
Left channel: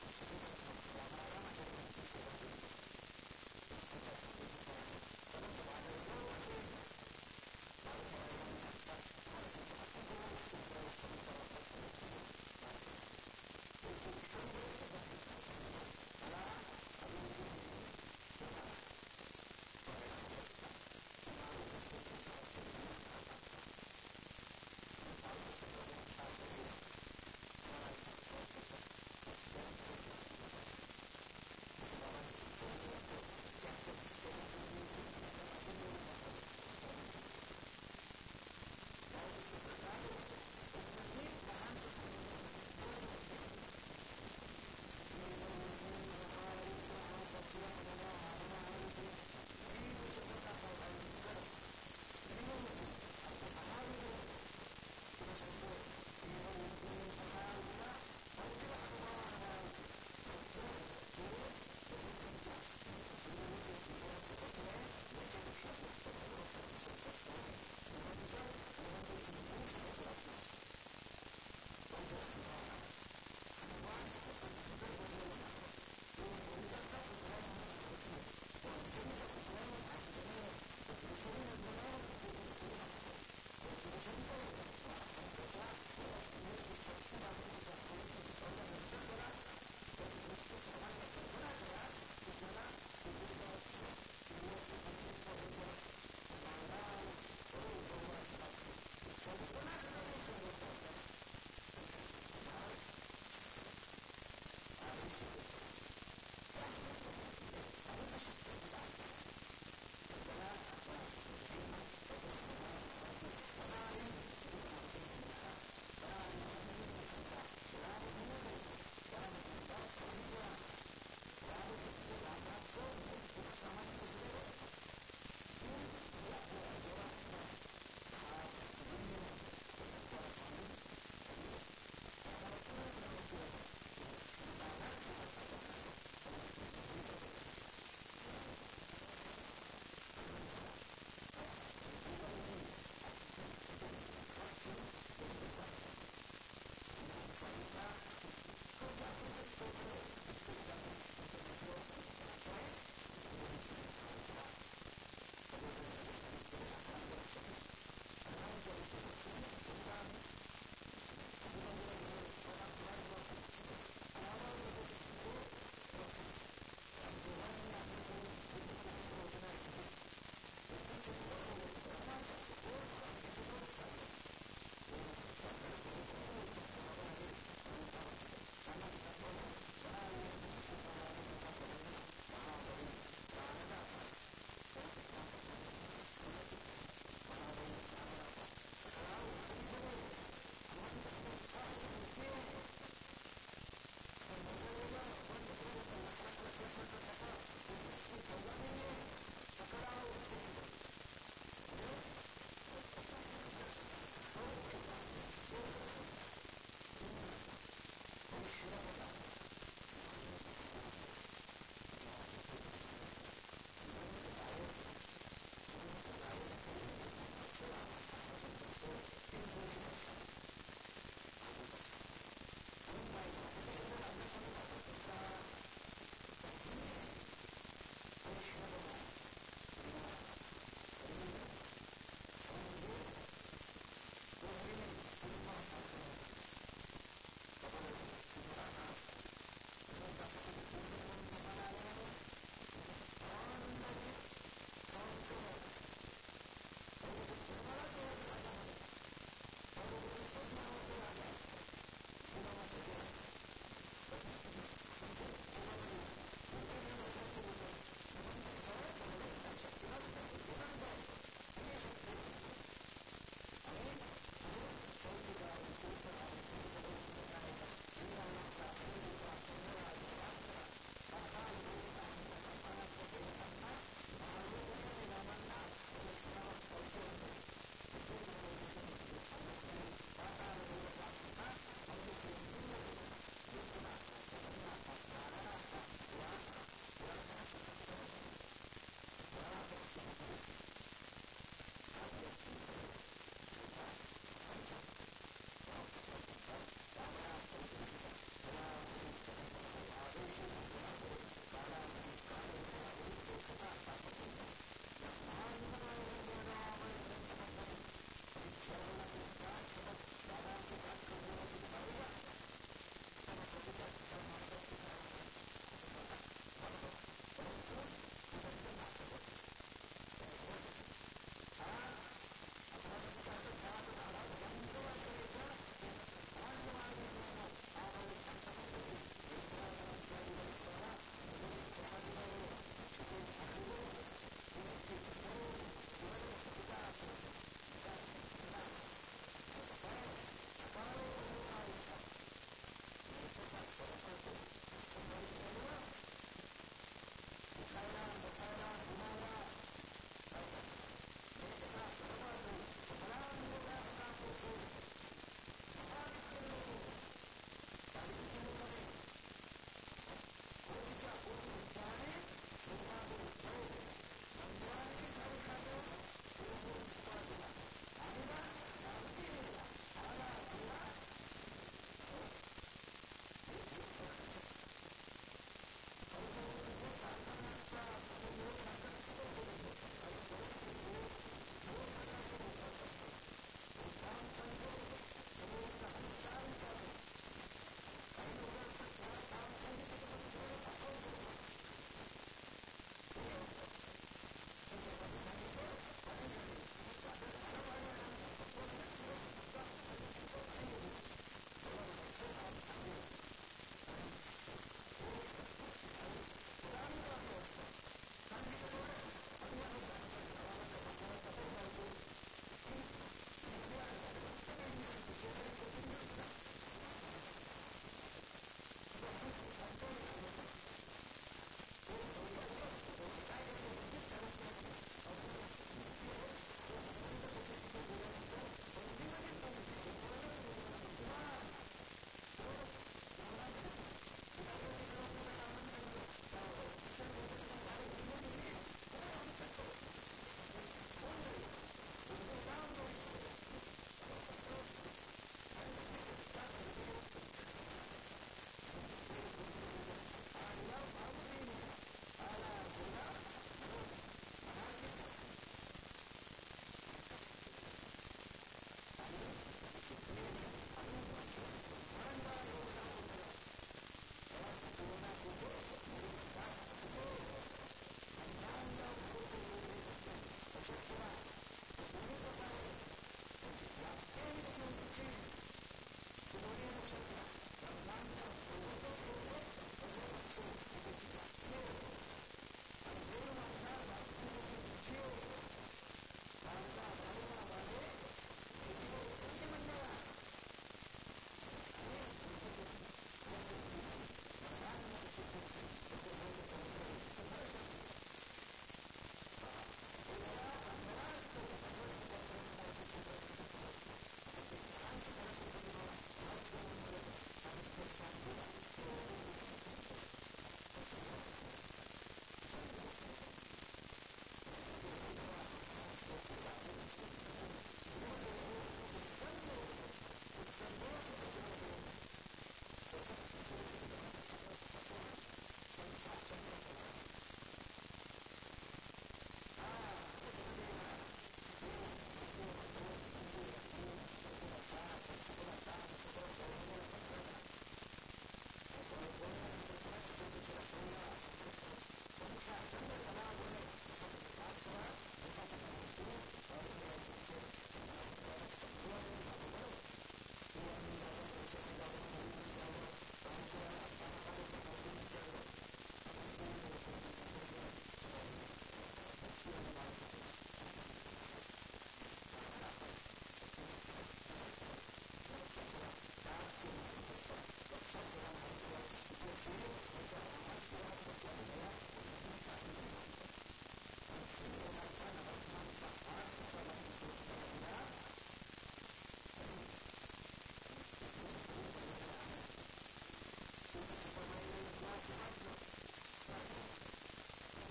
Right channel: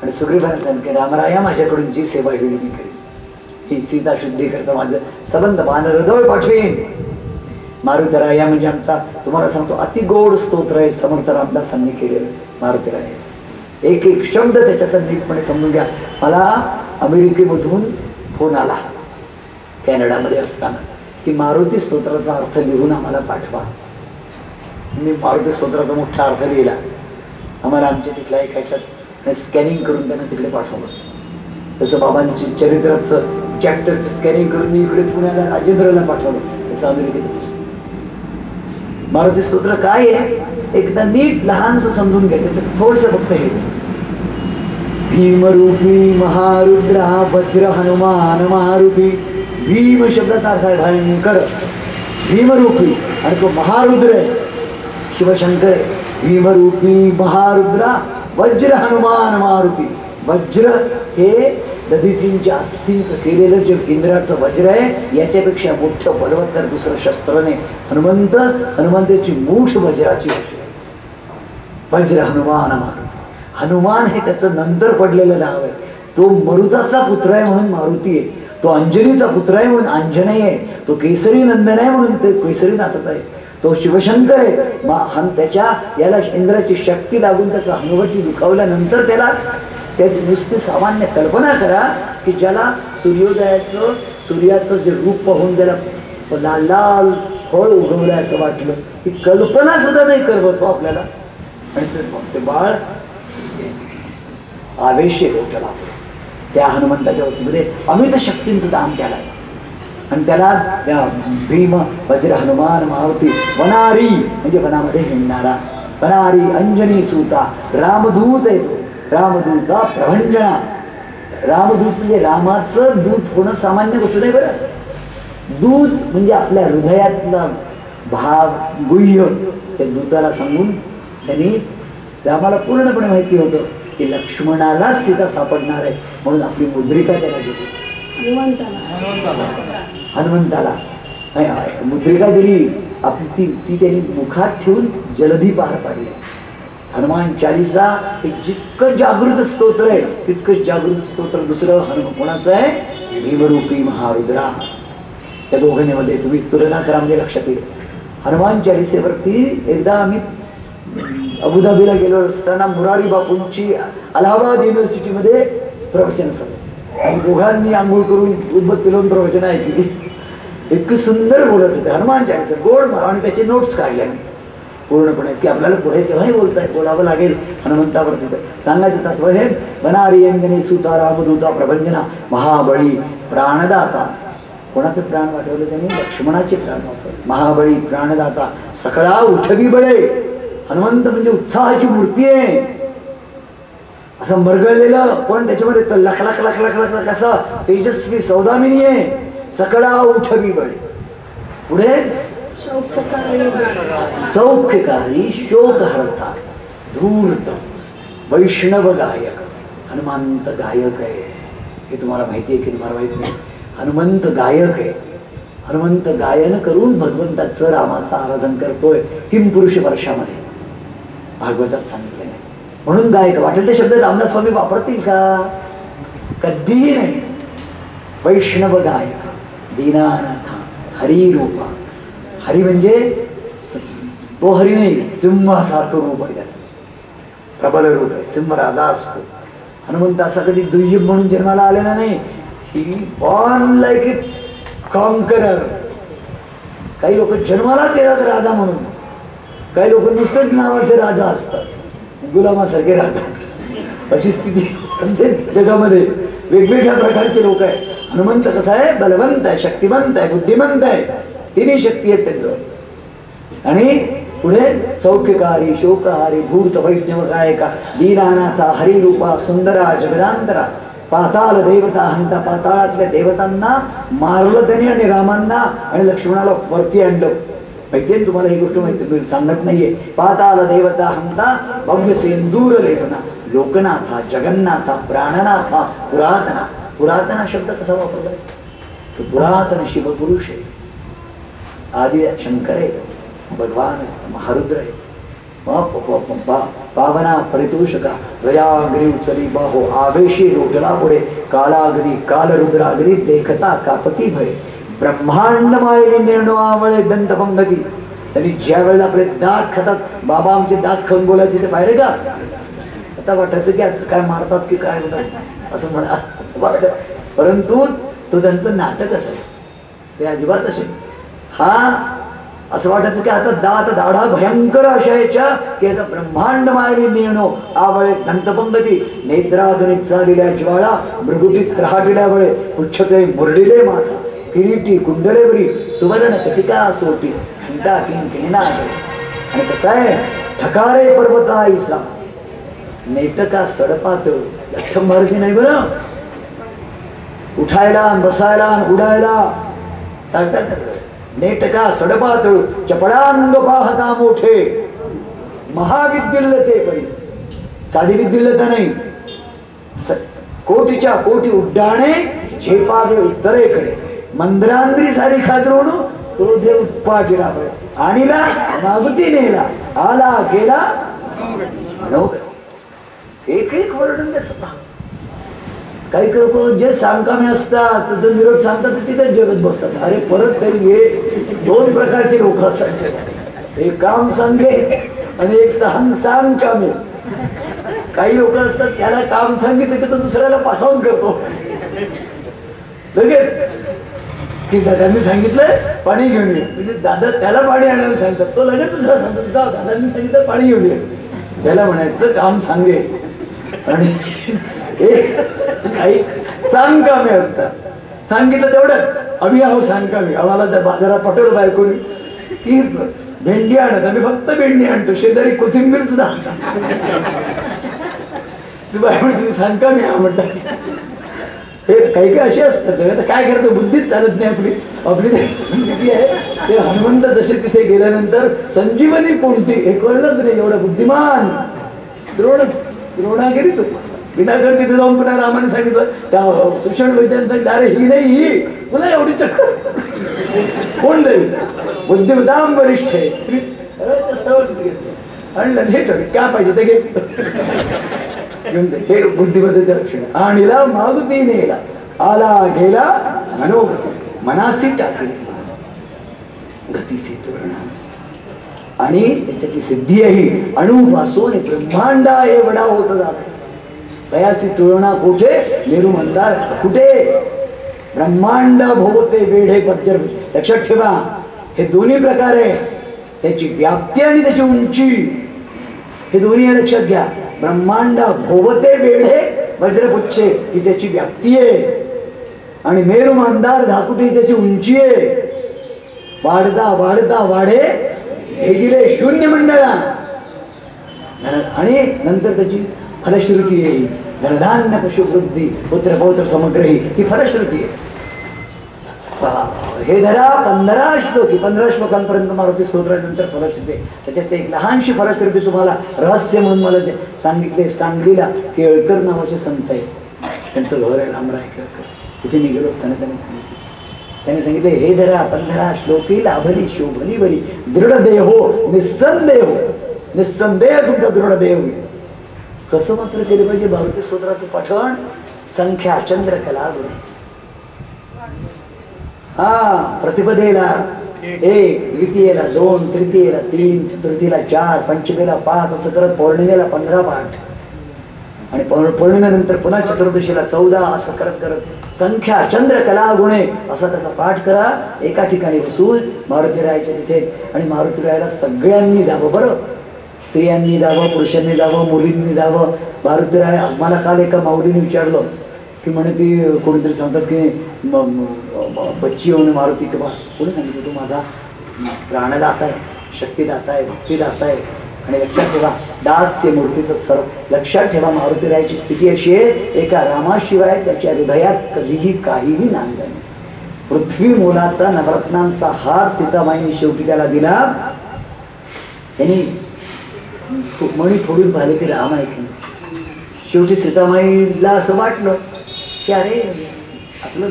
आणि सुग्रीवाला सांगितलं रामराया माझ्याकडून जी सेवा होईल मी करेन. ही सीता शुद्धी करता माझं सबंध बानरजवळ पाठवेन. मारुतराया म्हणजे आमचा तुम्हाला सांगतो अति गोड स्तोत्र आहे समर्थ रामदासांनी केलेलं मारुतरायाचं. एक एक शब्द त्याच्यात नीटपणे समजून घ्या. मला अमेरिकेमधून फोन आला कॅनडामध्ये असताना की मारुती स्तोत्राचा अर्थ लिहून आम्हाला पाठवा. मी मारुती स्तोत्राचा मोठा अर्थ लिहिला, आम्हाला आमच्या तिथला ऐकायच्यात आणि स्कॅनिंग करून त्यांना तिकडे पाठवलं. तसं बाबांची चरित्राचं चॅप्टरचं स्कॅनिंग करून मी इकडे पुण्याला राजेंद्रला पाठवलं. तसं अमेरिकेत मारुती स्तोत्र काय आहे एकदा नीट लहानसं समजून घ्या. त्याच्यात थोडस फक्त हे भीमरूपी महारुद्रा वज्र हनुमान मारुती. भीम शब्दाचा अर्थ आहे भयंकर, भीमरूपी, आणि तो महारुद्र आहे शिवशंकर आहे. भीमरूपी महारुद्रा वज्र हनुमान मारुती. वज्र हे दधीचींच्या अस्थींचं केलेलं जे इंद्राचं वज्र आहे याच्यापेक्षा मोठं बलवत्तर दुसरं शस्त्र नाही. हनुमंताची मूठ वज्राची होती. वज्र हनुमान मारुती. हनुमान हे त्याचं नंतर पडलेलं नाव आहे. तो मरुताचा पुत्र आहे म्हणून मारुती आहे, तो अंजनीचा पुत्र आहे म्हणून अंजनेय आहे, तो केसरी नंदन आहे म्हणून ते केसरीनाथच आहे, तो शिवशंकर आहे. त्याच्या याला इंद्राची शक्ती लागून त्याचा हनुवटी दुखावल्यानंतर त्याची नुसती सामान्य कल्पना करा की ज्याला सूर्योदयाचं सूर्याचं जे रूप पाहून ज्याला लाल लाल फळ उगवलं असं वाटलं की कल्पना सुद्धा नाही करवत हो आपल्याला. आणि ते बाळ आवेश डोक्याला त्या हनुमंताच्या वतीमध्ये अमित शक्तींचं दान त्याला आहे. आणि त्याला त्या भीम वज्र हनुमान मारुती वनारी म्हणजे वनामध्ये हिंडणारा, वनारी अंजनी सूता रामदूत आहे तो. रामदूता प्रभंजना. रामदूत म्हणजे रामाचं दूत होणं सामान्य गोष्ट नाही बरं. दूत म्हणजे आपल्या हृदयातला भाव गुह्य त्या दूताला सांगून त्यांनी रामाला पूर्णपणे माहिती होतं की लक्ष्मणालाच सीता सापडणार आहे म्हणून आपली मुद्रिका त्याला दिली. हनुमंताला मुद्रिका दिली आपली ती त्यांनी मुखात ठेवून जलधी पार पाडली. हनुमान चालीसा हे जितकं जागृत स्तोत्र आहे तितकंच जागृत स्तोत्र दुसरं कोणाचं आहे? भीमरूपी महारुद्रा. या दोघांमध्ये तुम्ही तुलना करा म्हणजे लक्षात येईल. हनुमान चालीसेवरती एकदा आम्ही अबुधाबीला गेलो असताना मुरारी बापूंची अलाहाबाद युनिव्हर्सिटीमध्ये प्रवचन सगळं. आणि दोघांनी आंघोळ करून उद्बत्ती लावून प्रवचन ऐकली. इतकं सुंदर बोलत होते हनुमान चालीसा, गोड. आणि त्याचे नोट्स काढल्या मी पूर्णपणे, की आपल्याला पुढे केव्हाही बोलावं लागेल हनुमंतावरती. तर सांगायचं तत्व हे, बनारी अंजनी सुता रामदूता प्रभंजना महाबळी प्राणदाता. कोणाचं प्राण वाचवलं त्यांनी? लक्ष्मणाचे प्राण वाचवले. महाबळी प्राणदाता सकळा उठवी बळे. हनुमंत म्हणजे उत्साहाची मूर्ती आहे, असं मरगळलेलं पण त्याच्यामध्ये लख लख लख लख लख लख असा तेजस्वी सौदामिनी आहे. सकळा उठवी बळे. पुढे सौख्यकारी शोकहर्ता धूर्त वैष्णव गायक. हनुमंत गायक आहे, हे तुम्हाला माहिती आहे की तुम्हाला माहित नाही? हनुमंत गायक आहे. हनुमंत गायन करून भगवंताचं रामाचं आराधन करतोय किम पुरुष वर्षामध्ये भागवतात सांगितलं नाही. म्हणून गायक. वाटेल ते शब्द रामदास स्वामी वापरतील का? कधीही नाही. वैष्णव गायक दीनानाथ हरिरूपा. हरी म्हणजे तो हरी नाही, सिंहासारखं रूप आहे त्याचं, प्रबल रूप आहे. सिंह राजा असतो. हनुमंत असा कधी दुय्यम म्हणून जन्माला आलेला नाही. ही बॉर्न लाईक ए कॉन्करर. काही लोक जन्मालाच येतात राजा म्हणून, काही लोक नुसतेच नावाचे राजा असतात, गुलामासारखे राहतात. अशी स्थिती म्हणजे जगामध्ये वेगवेगळ्या प्रकारचे लोक आहेत. हनुमंत कसा आहे? बलवंत आहे, शक्तिवंत आहे, बुद्धिमंत आहे. तिन्ही शक्ती आहेत त्यांचं. आणि पुढे सौख्यकारी शोकहारी धूर्त वैष्णव गायका दीनानाथा हरिरूपा सुंदरा जगदांतरा. पाताल देवता हंता. पाताळातल्या देवतांना मारलं त्याने आणि रामांना आणि लक्ष्मणाला वरती आणलं. माहितीये तुम्हाला ही गोष्ट? माहिती सांगत नाहीये. पाताल देवता हंता भव्य सिंदूर लेपना लोकनाथा जगन्नाथा प्राणनाथा पुरातना. पुरातना शब्द कसा वापरला? तो पुरातन शिवपुरुष आहे, आदि शंकर आहे, भगवान महारुद्र आहे. पावना परितोषका प्रयाग्री उचली बाहो आवेशी लोटला पुढे कालागरी कालरुद्रागरी देखता कापती भय. ब्रह्मांड मायने निर्णय आवळे दंतपंगती. त्यांनी ज्या वेळेला आपले दात खातात, बाबा आमचे दात खाऊन बोलायचे ते पाहिले का? आता वाटत की आता काय मारतात की काय होतात असं म्हणा वाटत, परंतु तो त्यांचं नाटक असायचं ते अजिबात असे. हा असं वाटायचं की आता दात दाढा भयंकर असायच्या की याचा ब्रह्मांड मायने निर्णय आवळे दंतपंगती. नेत्रागणित चालिल्या ज्वाळा मृगुटीत त्राटिल्या वळे पुच्छते मुरडिले माथा किरीटी कुंडलेवरी सुवर्ण कटिका सोटी घंटा किंकिणीना. आणि कसं आहे? ठकारे पर्वता ईसा नेटका सडपात. लठ्ठम मारुती नाही बरं, उठायला बसायला उडायला ताटतात. नेटका सडपात चपळांग पाहता मोठे महाविद्युल्लते परी. साधी विद्युल्लता नाही, कोटीच्या कोटी उड्डाणे झेपावे उत्तरेकडे. मंद्रांद्री सारी खाद्रोण क्रोधे उत्पाटी राबळे. आणीला मागुती नेला आला गेला मनोगत. एक एक वर्णन त्याचं. काही लोक जे सांगकामे असतात जो निरोप सांगतात तिथेच जगत बसतात. अरे परत काही हे दोन प्रकारचे लोक असतात, एक काम सांगे आणि एक सांग कामे. काही लोक असतात त्याला काम सांगितलं की तो दुसऱ्याला पासऑन करतो लगेच, की दादांनी सांगितलं पाणी घेऊन ये, म्हणजे दादा त्याला पाणी आणायला सांगतात, तो लगेच दुसरा सांगतो जा दादांनी सांगितलं पाणी घेऊन ये. त्याला म्हणायचं काम सांगे. आणि काही सांग कामे असतात, सांगितलं तेवढंच. आम्ही आहो सांग कामे. आम्हाला जर बाजारात पाठवलं बायकोनी की भेंडी आणत, आम्ही फक्त भेंडी आणतो, शेजारी कोथिंबीर सुद्धा तू बाय म्हणते सांग कामे हा म्हणतात. हे काही काही असे असतात. काय करतो, बुद्धीच चालत नाही आपली. आपली आहे ते हनुमंत जसे तिथे गेल्यानंतर संजीवनी कोणती हे कळलंच नाही. एवढं बुद्धिमान द्रोणागिरी तू विनाकारण तिथे जाऊन पुन्हा रामाने सांगितलं त्या सुषण वैद्याने सांगितलं अरे ही नाही ही तुला एवढी चक्कर कोण जाईल, बुद्धिमताम वरिष्ठ आहे. आणलं हे ठरलं काय पाहिजे ते घे घेऊन जाईल. हे बुद्धिमत्तेचं लक्षण. आणीला मागुती नेला आला गेला मनोगती. मनासी टाकली गतीसी तुरणासी. आणि त्याच्याची सिद्धी आहे अणुपासून ब्रह्मांडा एवढा होत जात असत. तयासी तुळना कोठे मेरू मंदार कुठे ब्रह्मांड भोवते वेढे पद्य. लक्षात ठेवा हे दोन्ही प्रकार आहे, त्याची व्याप्ती आणि त्याची उंची, हे दोन्ही लक्षात घ्या. ब्रह्मांड भोवते वेढे वज्रपुच्छे ही त्याची व्याप्ती आहे आणि मेरू मंदार धाकुटी ही त्याची उंची आहे. वाढता वाढता वाढे भेगिले शून्य मंडळा. आणि नंतर त्याची फलश्रुती आहे. धनधान्य पशुवृद्धी पुत्र पौत्र समग्रही ही फलश्रुती आहे. हे धरा 15 श्लोकी, 15 श्लोकांपर्यंत मारुती स्तोत्रानंतर फलश्रुती. त्याच्यातली एक लहानशी फलश्रुती तुम्हाला रहस्य म्हणून मला जे सांगितले. सांगलीला केळकर नावाचे संत आहे, त्यांचं घर आहे रामराय केळकर. तिथे मी गेलो असताना त्यांनी सांगितले हे धरा 15 श्लोकी लाभली शोभली बरी दृढ देहो निस्संदेह. निस्संदेह तुमचा दृढ देह होईल. कसं मात्र केलं पाहिजे मारुती स्तोत्राचं पठण? संख्या चंद्र कला गुणे. प्रतिपदेला 1, द्वितीयेला 2, तृतीयेला 3, चतुर्थीला 4, पंचमीला 5 असं करत पौर्णिमेला 15 पाठ आणि पौर्णिमेनंतर पुन्हा चतुर्दशीला 14 असं करत करत संख्या चंद्र कला गुणे असा त्याचा पाठ करा. एका ठिकाणी बसून मारुतीरायाच्या तिथे. आणि मारुतीरायाला सगळ्यांनी जावं बरं, स्त्रियांनी जावं, पुरुषांनी जावं, मुलींनी जावं. मारुतीराय मला काल एका माऊलीने विचारलं की म्हणे ती कोणीतरी सांगतात की बच्ची होऊन मारुती किंवा कोणी सांगितलं तू माझा प्राणदाता आहे, शक्तिदाता आहे, भक्तिदाता आहे. आणि लक्षात ठेवा दास्य मूर्तीचं सर्व लक्षात ठेवा. मारुतीरायाची स्थिती अशी आहे एका रामाशिवाय त्याच्या हृदयात कधीही काहीही नांद नाही. पृथ्वी मोलाचा नवरत्नांचा हार सीतामाईने शेवटी त्याला दिला. त्यांनी मणी फोडून पाहिले की राम आहे की. शेवटी सीतामाईला असं वाटलं की अरे आपलं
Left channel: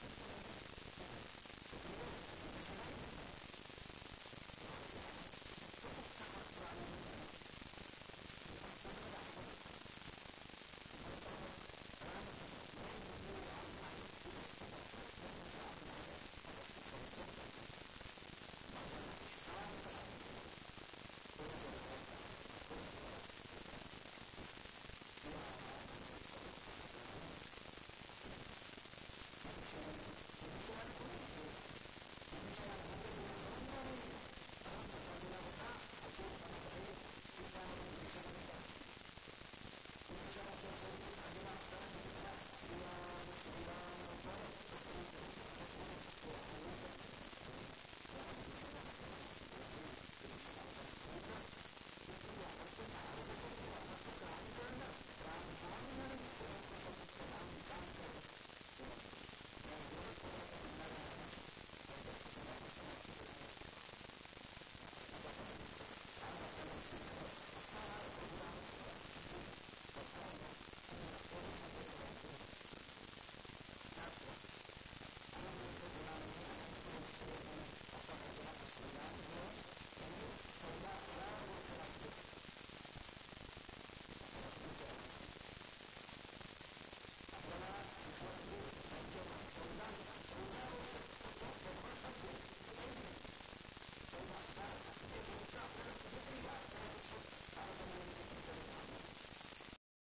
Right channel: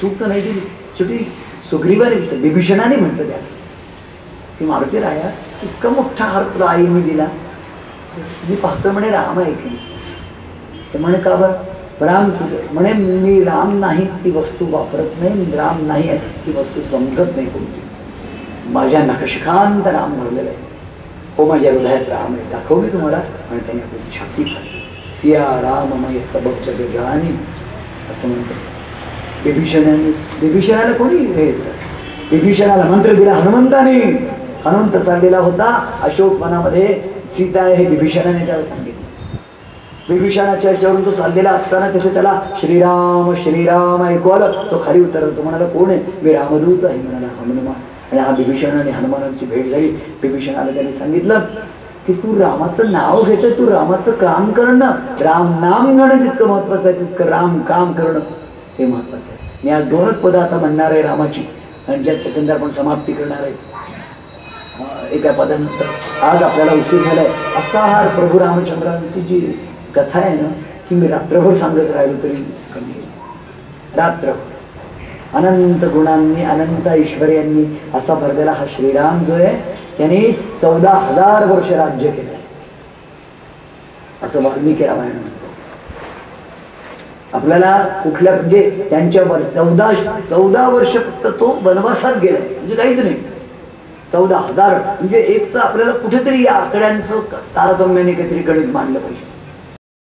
चूक तर नाही दिली. शेवटी सुग्रीवाने विभीषणाने म्हटलं त्याला की मारुती राया इतका मोठा हार तुला आईने दिला, मी पाहतो म्हणे राम आहे की. ते म्हणे का बरं राम म्हणे मी राम नाही ती वस्तू वापरत नाही, राम नाही आहे ती वस्तू समजत नाही कोणती. माझ्या नखशिखांत राम भरलेलं आहे. हो माझ्या हृदयात राम आहे दाखवली तुम्हाला. आणि त्याने आपली छाती फाडली. सिया राममय सबक जग जानी असं म्हणतात. विभीषणाला कोणी हे विभीषणाला मंत्र दिला हनुमंताने. हनुमंत चाललेला होता अशोक वनामध्ये, सीता आहे हे विभीषणाने त्याला सांगितलं. विभीषणाच्या याच्यावरून तो चाललेला असताना तिथे त्याला श्रीराम श्रीराम ऐकू आलं. तो खाली उतरला. तो म्हणाला कोण आहे? मी रामदूत आहे म्हणाला हनुमान. आणि हा विभीषण आणि हनुमानाची भेट झाली. विभीषणाला त्यांनी सांगितलं की तू रामाचं नाव घेतोय, तू रामाचं काम करणं. राम नाम घेणं जितकं महत्वाचं आहे तितकं राम काम करणं हे महत्वाचं आहे. मी आज 2च पदं आता म्हणणार आहे रामाची आणि ज्यात त्याच्यानंतर आपण समाप्ती करणार आहे एका पदानंतर. आज आपल्याला उशीर झालाय. असा हा प्रभू रामचंद्रांची जी कथा आहे ना की मी रात्रभर सांगत राहिलो तरी कमी. रात्र अनंत गुणांनी अनंत ऐश्वर्यांनी असा भरलेला हा श्रीराम जो आहे त्यांनी 14,000 वर्ष राज्य केलं असं वाल्मिकी रामायण म्हणतो. आपल्याला कुठल्या म्हणजे त्यांच्यावर 14 वर्ष फक्त तो वनवासात गेला म्हणजे काहीच नाही. 14,000 म्हणजे एक तर आपल्याला कुठेतरी या आकड्यांचं तारतम्याने काहीतरी गणित मांडलं पाहिजे.